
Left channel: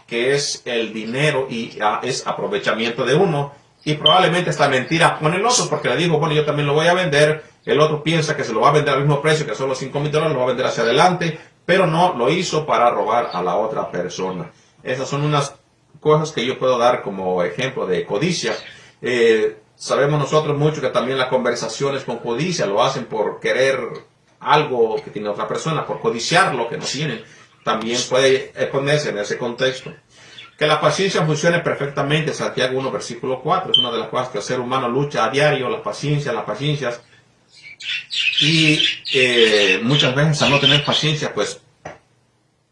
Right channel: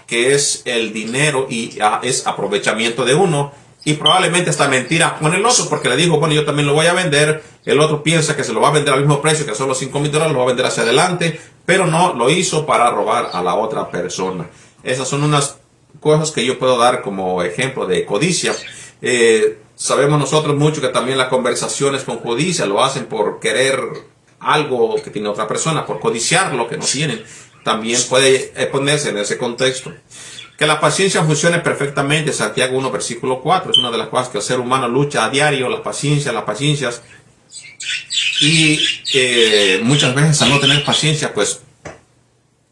que es el dinero y es aprovechamiento de uno. Y probablemente esta mentira con el otro, porque le dijo, bueno, yo también lo voy a vender. El otro piensa que se lo va a vender al mismo precio, que son los $5,000, lo va a vender hacia adelante, pero no, lo hizo para robar a la otra persona. Esas son unas cosas que yo puedo dar como ejemplo de codicia. Sabemos nosotros mucho que también las conversaciones con codicia lo hacen por querer algo que tiene otra persona, por codiciar lo que no tienen. También puede ponerse en ese contexto. Que la paciencia funcione perfectamente, Santiago 1, versículo 4. Es una de las cosas que el ser humano lucha a diario, las paciencias. Y muchas veces al no tener paciencia, pues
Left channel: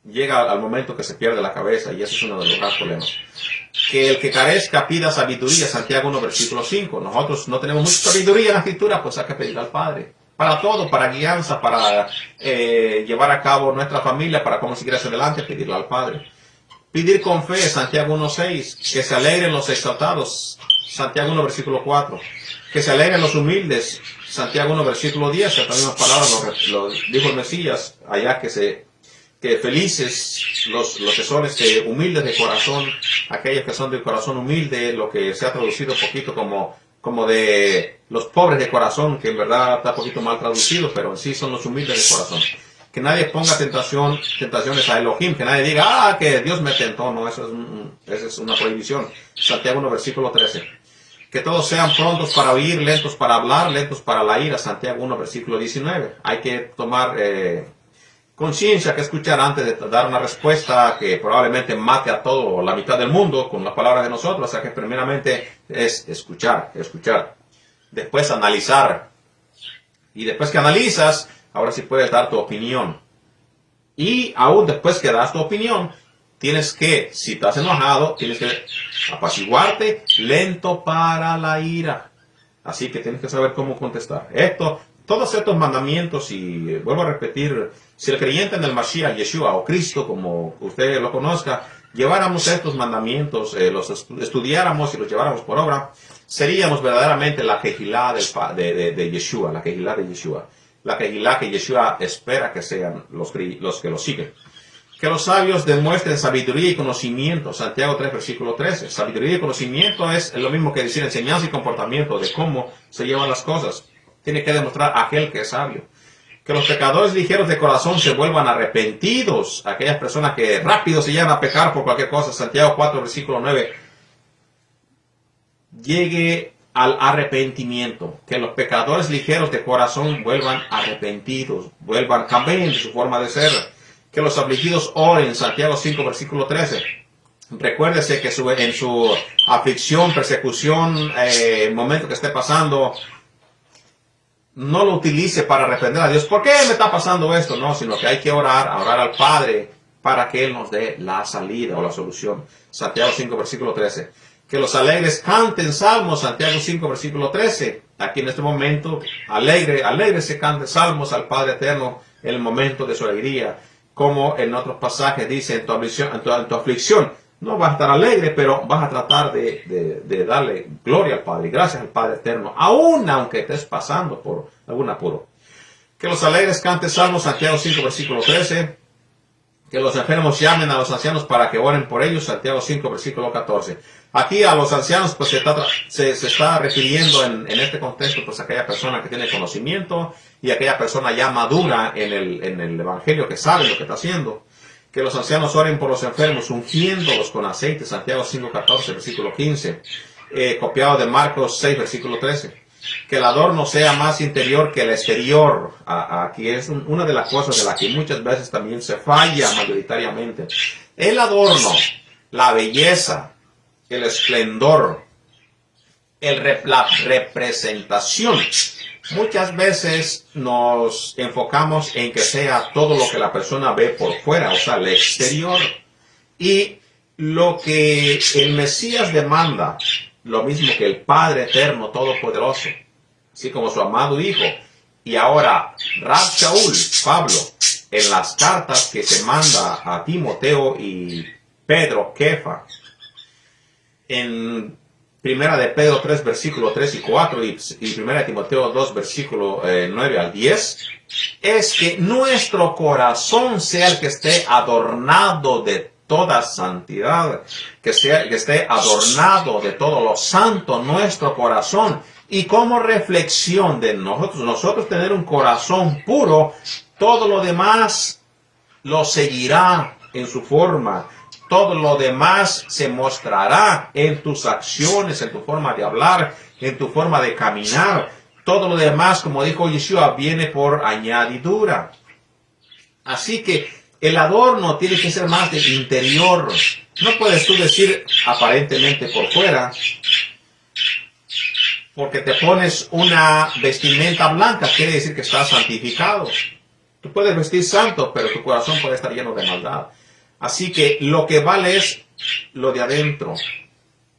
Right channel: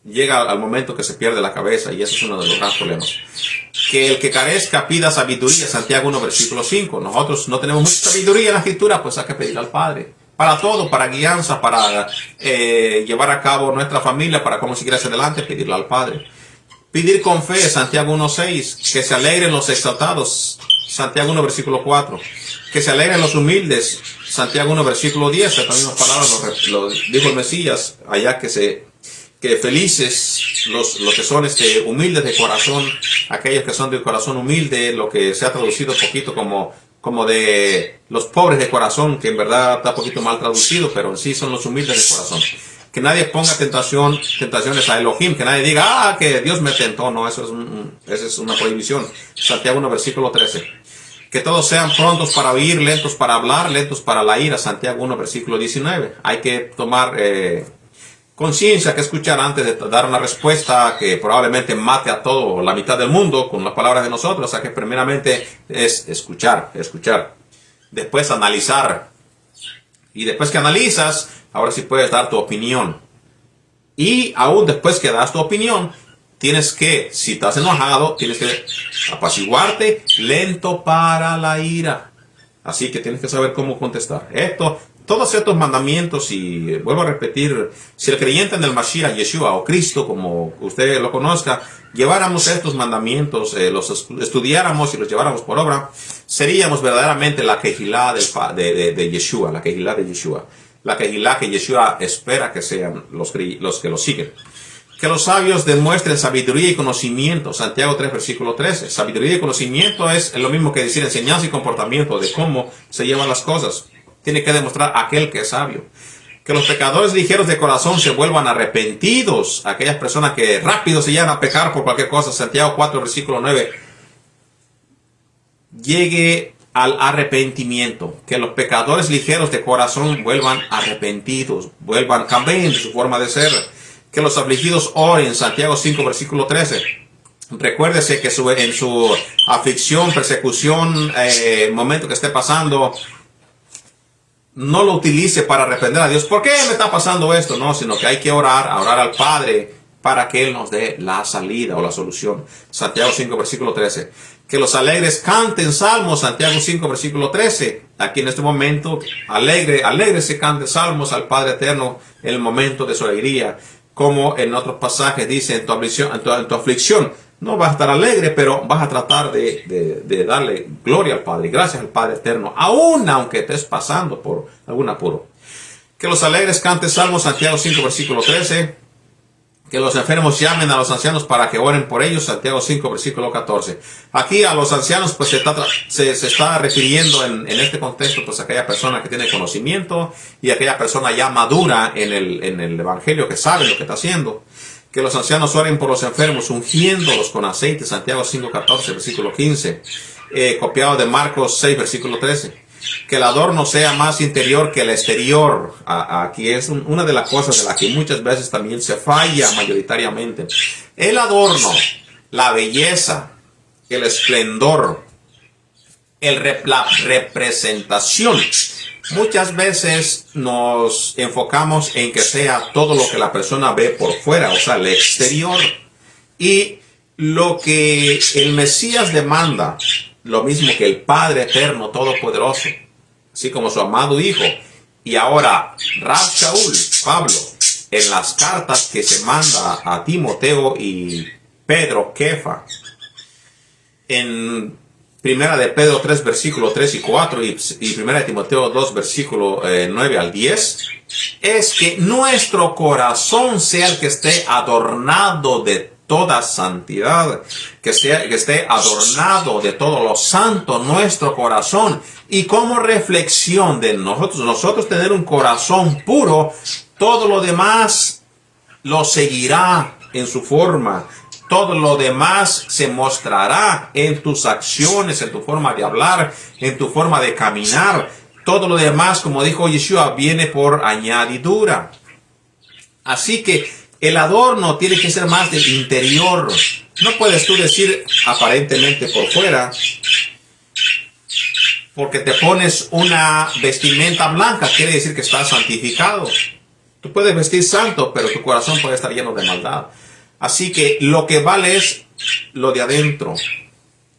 llega al momento que se pierde la cabeza, y eso es uno de los grandes problemas. Que el que carezca pida sabiduría, Santiago 1, versículo 5. Nosotros no tenemos mucha sabiduría en la escritura, pues hay que pedir al Padre. Para todo, para guianza, para llevar a cabo nuestra familia, para cómo seguir hacia adelante, pedirle al Padre. Pedir con fe, Santiago 1.6, que se alegren los exaltados, Santiago 1, versículo 4. Que se alegren los humildes, Santiago 1, versículo 10. Estas mismas palabras lo dijo el Mesías, allá que felices los que son humildes de corazón, aquellos que son del corazón humilde, lo que se ha traducido un poquito como de los pobres de corazón, que en verdad está un poquito mal traducido, pero en sí son los humildes de corazón. Que nadie ponga tentaciones a Elohim, que nadie diga, que Dios me tentó. No, esa es una prohibición. Santiago 1, versículo 13. Que todos sean prontos para oír, lentos para hablar, lentos para la ira. Santiago 1, versículo 19. Hay que tomar conciencia, que escuchar antes de dar una respuesta que probablemente mate a todo, la mitad del mundo, con las palabras de nosotros. O sea que primeramente es escuchar. Después analizar. Y después que analizas, ahora sí puedes dar tu opinión. Y aún después que das tu opinión, tienes que, si estás enojado, tienes que apaciguarte, lento para la ira. Así que tienes que saber cómo contestar. Todos estos mandamientos, y vuelvo a repetir, si el creyente en el Mashiach, Yeshua o Cristo, como usted lo conozca, lleváramos estos mandamientos, los estudiáramos y los lleváramos por obra, seríamos verdaderamente la Kehilá de Yeshua, la Kehilá de Yeshua. La Kehilá que Yeshua espera que sean los que lo siguen. Que los sabios demuestren sabiduría y conocimiento. Santiago 3, versículo 13. Sabiduría y conocimiento es lo mismo que decir enseñanza y comportamiento de cómo se llevan las cosas. Tiene que demostrar aquel que es sabio. Que los pecadores ligeros de corazón se vuelvan arrepentidos. Aquellas personas que rápido se llegan a pecar por cualquier cosa. Santiago 4, versículo 9. Llegue al arrepentimiento. Que los pecadores ligeros de corazón vuelvan arrepentidos. Cambien de su forma de ser. Que los afligidos oren. Santiago 5, versículo 13. Recuérdese que en su aflicción, persecución, momento que esté pasando, no lo utilice para arrepender a Dios. ¿Por qué me está pasando esto? No, sino que hay que orar al Padre para que Él nos dé la salida o la solución. Santiago 5, versículo 13. Que los alegres canten salmos. Santiago 5, versículo 13. Aquí en este momento, alegre se cante salmos al Padre Eterno en el momento de su alegría. Como en otros pasajes dice, en tu aflicción, no vas a estar alegre, pero vas a tratar de darle gloria al Padre, gracias al Padre Eterno, aún aunque estés pasando por algún apuro. Que los alegres canten salmos, Santiago 5, versículo 13. Que los enfermos llamen a los ancianos para que oren por ellos, Santiago 5, versículo 14. Aquí a los ancianos pues se está refiriendo en este contexto pues a aquella persona que tiene conocimiento y aquella persona ya madura en el evangelio, que sabe lo que está haciendo. Que los ancianos oren por los enfermos, ungiéndolos con aceite, Santiago 5, 14, versículo 15. Copiado de Marcos 6, versículo 13. Que el adorno sea más interior que el exterior. Aquí es una de las cosas de las que muchas veces también se falla mayoritariamente. El adorno, la belleza, el esplendor, la representación. Muchas veces nos enfocamos en que sea todo lo que la persona ve por fuera, o sea, el exterior. Y lo que el Mesías demanda, lo mismo que el Padre Eterno Todopoderoso, así como su amado Hijo. Y ahora, Rab Shaul, Pablo, en las cartas que se manda a Timoteo y Pedro, Kefa, en Primera de Pedro 3, versículos 3 y 4, y Primera de Timoteo 2, versículo 9 al 10, es que nuestro corazón sea el que esté adornado de toda santidad, que esté adornado de todo lo santo nuestro corazón. Y como reflexión de nosotros tener un corazón puro, todo lo demás lo seguirá en su forma. Todo lo demás se mostrará en tus acciones, en tu forma de hablar, en tu forma de caminar. Todo lo demás, como dijo Yeshua, viene por añadidura. Así que el adorno tiene que ser más del interior. No puedes tú decir aparentemente por fuera, porque te pones una vestimenta blanca, quiere decir que estás santificado. Tú puedes vestir santo, pero tu corazón puede estar lleno de maldad. Así que lo que vale es lo de adentro,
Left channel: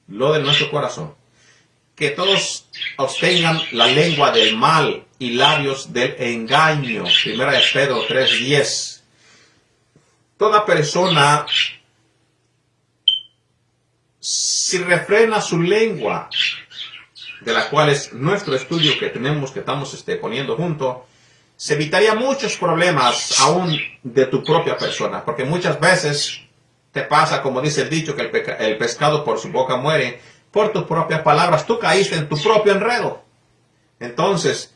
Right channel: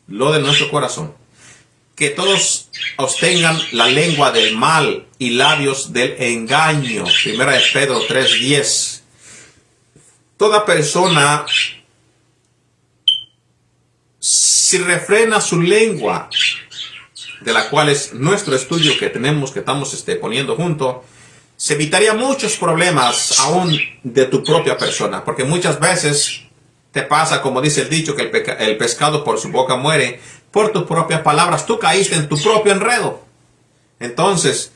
lo de nuestro corazón. Que todos obtengan la lengua del mal y labios del engaño. Primera de Pedro 3:10. Toda persona, si refrena su lengua, de la cual es nuestro estudio que estamos poniendo junto, se evitaría muchos problemas aún de tu propia persona, porque muchas veces te pasa, como dice el dicho, que el pescado por su boca muere. Por tus propias palabras, tú caíste en tu propio enredo. Entonces,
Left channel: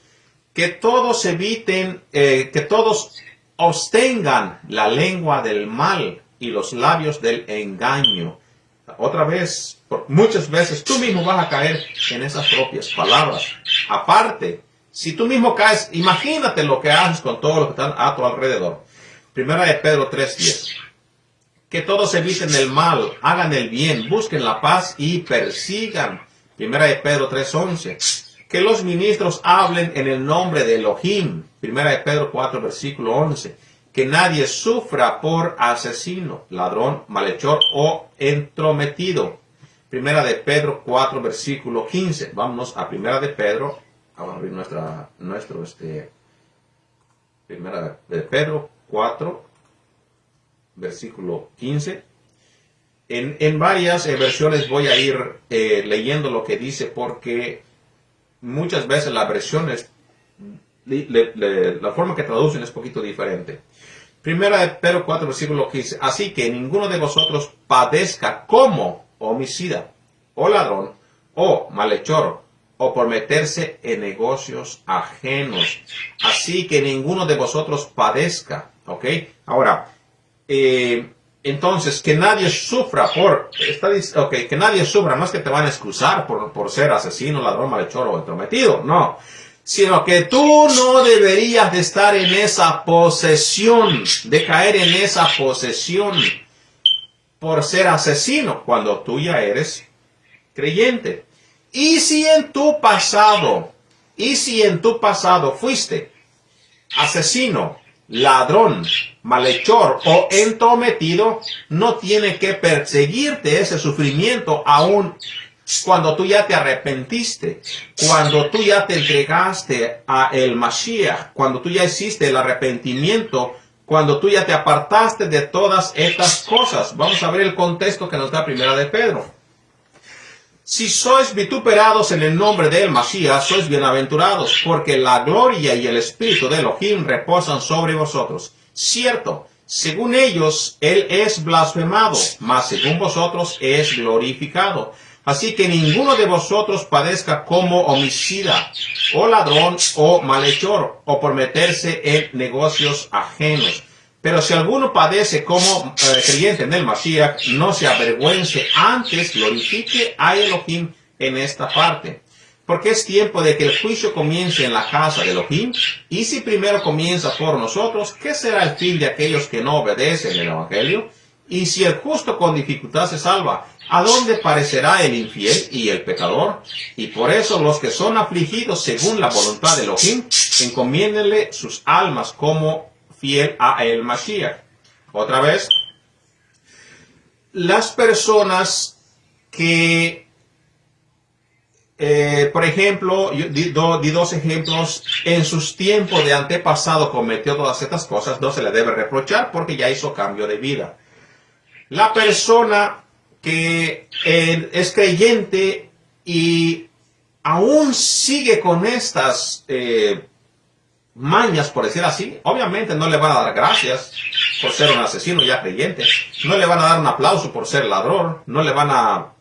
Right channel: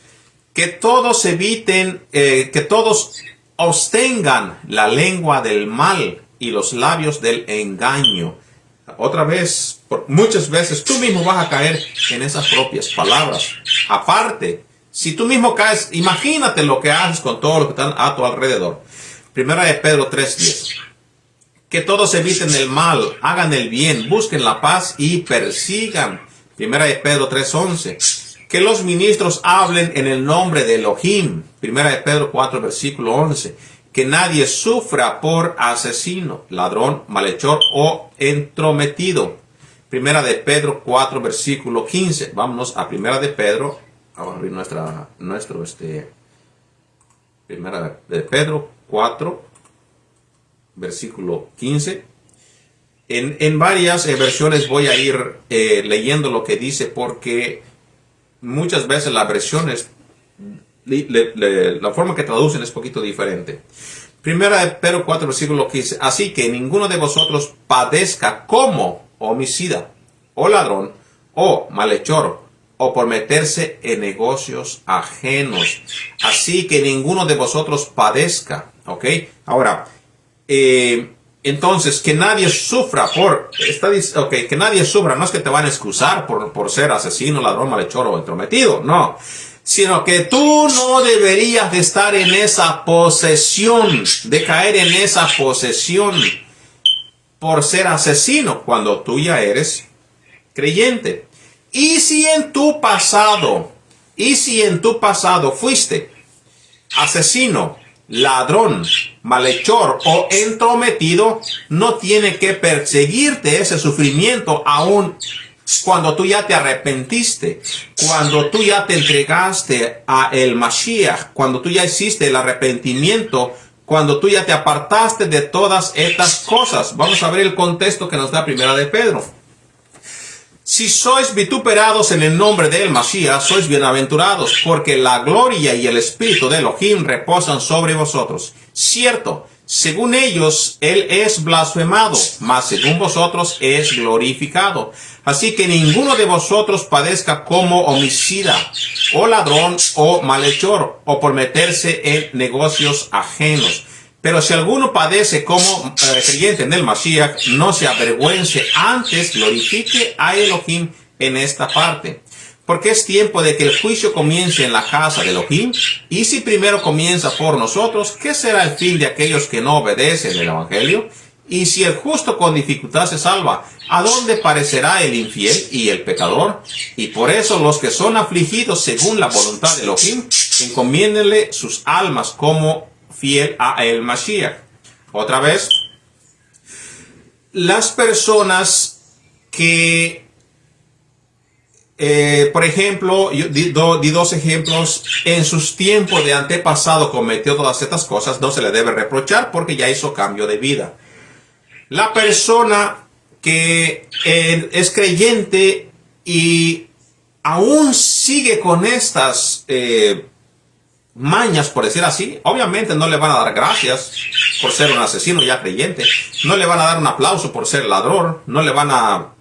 que todos eviten, que todos abstengan la lengua del mal y los labios del engaño. Otra vez, muchas veces tú mismo vas a caer en esas propias palabras. Aparte, si tú mismo caes, imagínate lo que haces con todo lo que están a tu alrededor. Primera de Pedro 3:10. Que todos eviten el mal, hagan el bien, busquen la paz y persigan. Primera de Pedro 3:11. Que los ministros hablen en el nombre de Elohim. Primera de Pedro 4, versículo 11. Que nadie sufra por asesino, ladrón, malhechor o entrometido. Primera de Pedro 4, versículo 15. Vámonos a Primera de Pedro. Vamos a abrir Primera de Pedro 4, versículo 15. En varias versiones voy a ir leyendo lo que dice, porque muchas veces las versiones, la forma que traducen es un poquito diferente. Primera de Pedro 4, versículo 15. Así que ninguno de vosotros padezca como homicida, o ladrón, o malhechor, o por meterse en negocios ajenos. Así que ninguno de vosotros padezca. ¿Ok? Ahora, entonces, que nadie sufra que nadie sufra, no es que te van a excusar por ser asesino, ladrón, malhechor o entrometido, no, sino que tú no deberías de estar en esa posesión, de caer en esa posesión por ser asesino, cuando tú ya eres creyente. Y si en tu pasado fuiste asesino, ladrón, malhechor o entrometido, no tiene que perseguirte ese sufrimiento aún cuando tú ya te arrepentiste, cuando tú ya te entregaste a el Mashiach, cuando tú ya hiciste el arrepentimiento, cuando tú ya te apartaste de todas estas cosas. Vamos a ver el contexto que nos da Primera de Pedro. Si sois vituperados en el nombre del Masías, sois bienaventurados, porque la gloria y el espíritu de Elohim reposan sobre vosotros. Cierto, según ellos, él es blasfemado, mas según vosotros es glorificado. Así que ninguno de vosotros padezca como homicida, o ladrón, o malhechor, o por meterse en negocios ajenos. Pero si alguno padece como creyente en el Mashiach, no se avergüence, antes glorifique a Elohim en esta parte. Porque es tiempo de que el juicio comience en la casa de Elohim, y si primero comienza por nosotros, ¿qué será el fin de aquellos que no obedecen el Evangelio? Y si el justo con dificultad se salva, ¿a dónde parecerá el infiel y el pecador? Y por eso los que son afligidos según la voluntad de Elohim, encomiéndenle sus almas como fiel a el Mashiach. Otra vez, las personas que, por ejemplo, yo di dos ejemplos, en sus tiempos de antepasado cometió todas estas cosas, no se le debe reprochar porque ya hizo cambio de vida. La persona que es creyente y aún sigue con estas mañas, por decir así, obviamente no le van a dar gracias por ser un asesino ya creyente, no le van a dar un aplauso por ser ladrón, no le van a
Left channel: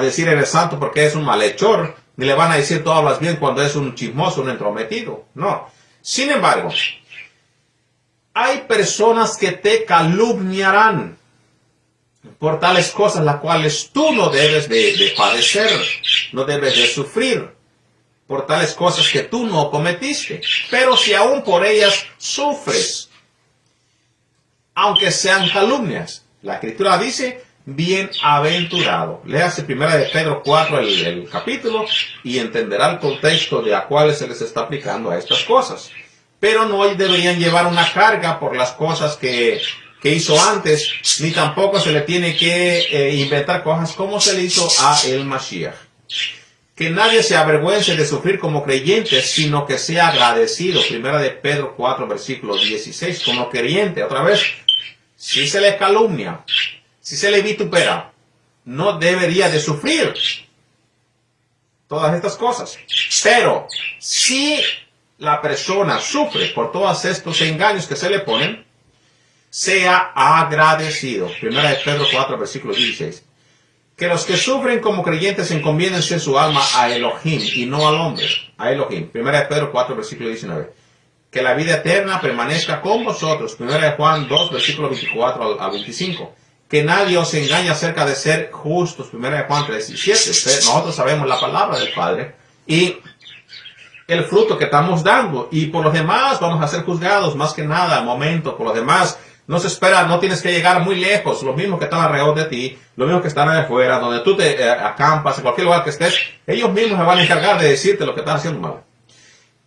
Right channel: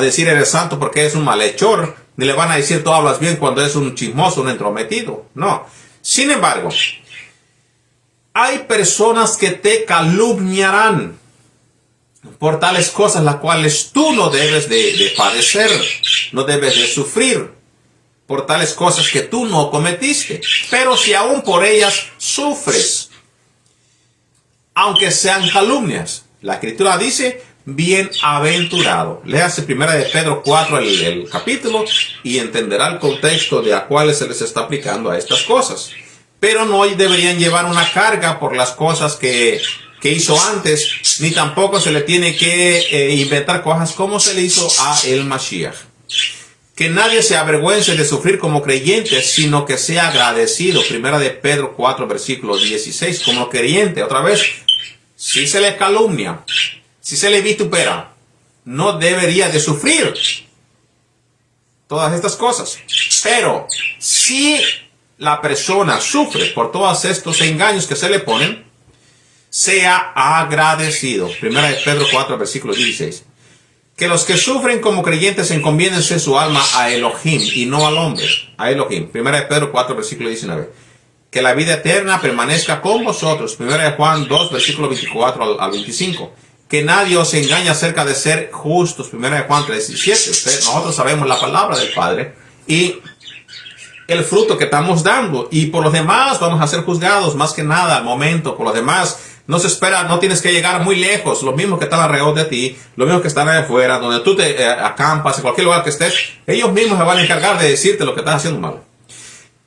decir eres santo porque es un malhechor, ni le van a decir tú hablas bien cuando es un chismoso, un entrometido, no. Sin embargo, hay personas que te calumniarán por tales cosas las cuales tú no debes de padecer, no debes de sufrir, por tales cosas que tú no cometiste. Pero si aún por ellas sufres, aunque sean calumnias, la Escritura dice, bienaventurado. Léase 1 de Pedro 4, el capítulo, y entenderá el contexto de a cuáles se les está aplicando a estas cosas. Pero no deberían llevar una carga por las cosas que hizo antes, ni tampoco se le tiene que inventar cosas como se le hizo a el Mashiach. Que nadie se avergüence de sufrir como creyente, sino que sea agradecido. 1 de Pedro 4, versículo 16. Como creyente, otra vez, si se le calumnia, si se le vitupera, no debería de sufrir todas estas cosas. Pero si la persona sufre por todos estos engaños que se le ponen, sea agradecido. 1 de Pedro 4, versículo 16. Que los que sufren como creyentes encomiéndense su alma a Elohim y no al hombre. A Elohim. 1 de Pedro 4, versículo 19. Que la vida eterna permanezca con vosotros. 1 de Juan 2, versículo 24 al 25. Que nadie os engañe acerca de ser justos. 1 de Juan 3, 17. Nosotros sabemos la palabra del Padre y el fruto que estamos dando. Y por los demás vamos a ser juzgados más que nada al momento. Por los demás no se espera, no tienes que llegar muy lejos. Los mismos que están alrededor de ti, los mismos que están allá afuera, donde tú te acampas, en cualquier lugar que estés, ellos mismos se van a encargar de decirte lo que estás haciendo mal.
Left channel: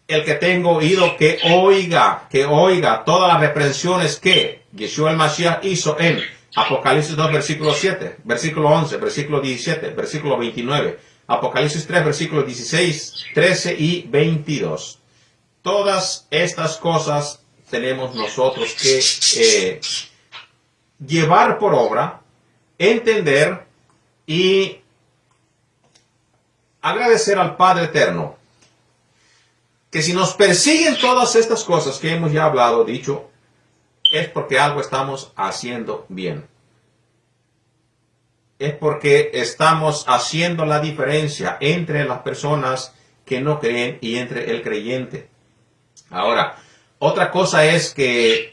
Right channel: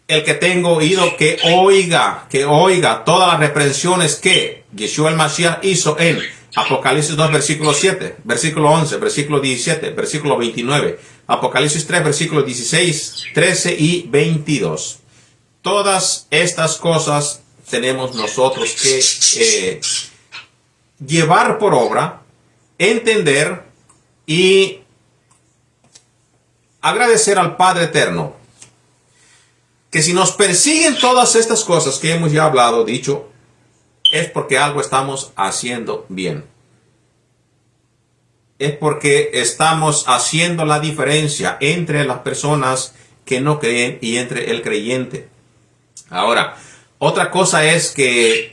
El que tenga oído, que oiga todas las reprensiones que Yeshua el Mashiach hizo en Apocalipsis 2, versículo 7, versículo 11, versículo 17, versículo 29, Apocalipsis 3, versículos 16, 13 y 22. Todas estas cosas tenemos nosotros que llevar por obra, entender y agradecer al Padre Eterno. Que si nos persiguen todas estas cosas que hemos ya hablado, dicho, es porque algo estamos haciendo bien. Es porque estamos haciendo la diferencia entre las personas que no creen y entre el creyente. Ahora, otra cosa es que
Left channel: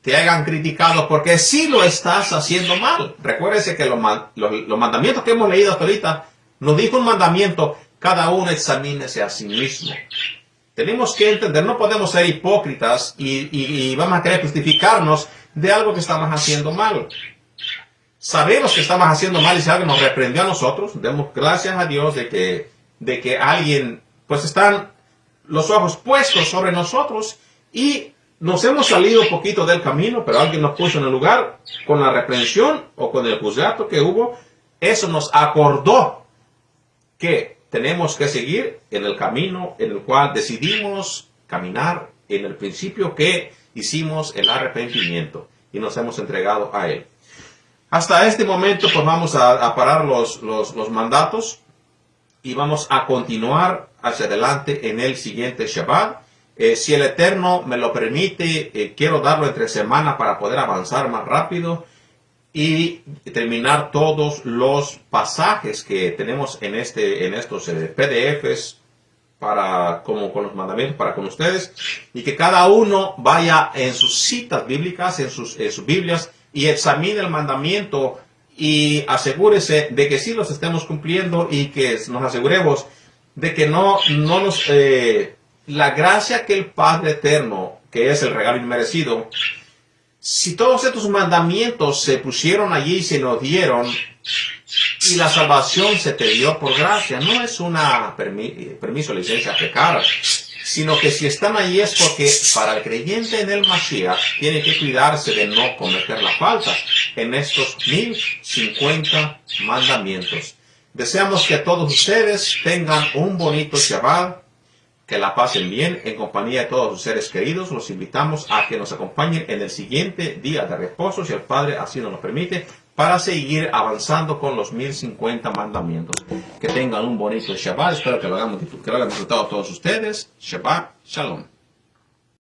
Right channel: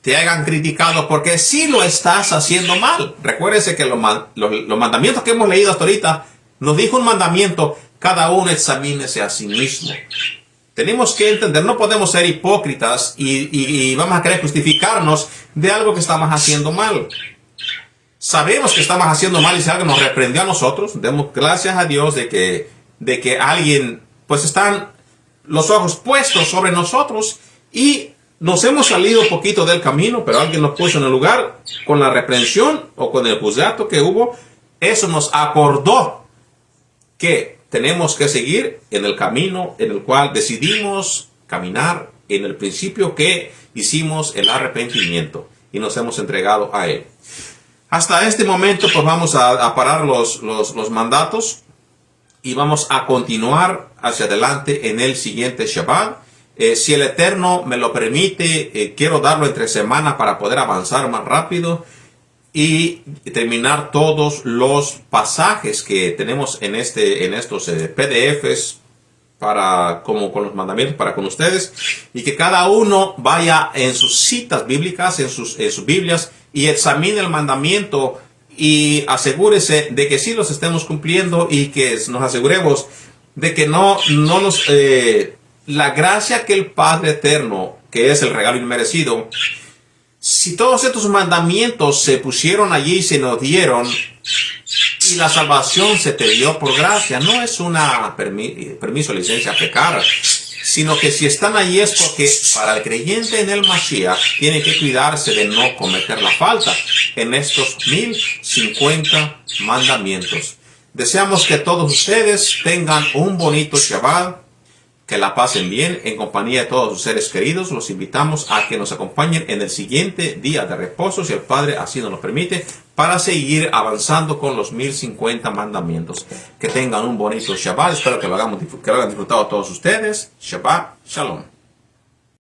te hayan criticado porque sí lo estás haciendo mal. Recuérdese que los mandamientos que hemos leído hasta ahorita, nos dijo un mandamiento, cada uno examínese a sí mismo. Tenemos que entender, no podemos ser hipócritas y vamos a querer justificarnos de algo que estamos haciendo mal. Sabemos que estamos haciendo mal y si alguien nos reprendió a nosotros, demos gracias a Dios de que alguien, pues están los ojos puestos sobre nosotros y nos hemos salido un poquito del camino, pero alguien nos puso en el lugar con la reprensión o con el juzgado que hubo. Eso nos acordó que tenemos que seguir en el camino en el cual decidimos caminar en el principio que hicimos el arrepentimiento y nos hemos entregado a Él. Hasta este momento pues vamos a parar los mandatos y vamos a continuar hacia adelante en el siguiente Shabbat. Si el Eterno me lo permite, quiero darlo entre semana para poder avanzar más rápido y terminar todos los pasajes que tenemos en estos PDFs como con los mandamientos para con ustedes, y que cada uno vaya en sus citas bíblicas, en sus Biblias, y examine el mandamiento y asegúrese de que sí los estemos cumpliendo y que nos aseguremos de que no nos la gracia que el Padre Eterno, que es el regalo inmerecido, si todos estos mandamientos se pusieron allí y se nos dieron y la salvación se te dio por gracia, no es una permiso, licencia a pecar, sino que si están allí es porque para el creyente en el Mashiach tiene que cuidarse de no cometer la falta en estos 1050 mandamientos. Deseamos que todos ustedes tengan un bonito Shabbat, que la pasen bien en compañía de todos sus seres queridos. Los invitamos a que nos acompañen en el siguiente día de reposo, si el Padre así nos lo permite, para seguir avanzando con los 1050 mandamientos. Que tengan un bonito Shabbat. Espero que lo hayan disfrutado todos ustedes. Shabbat Shalom.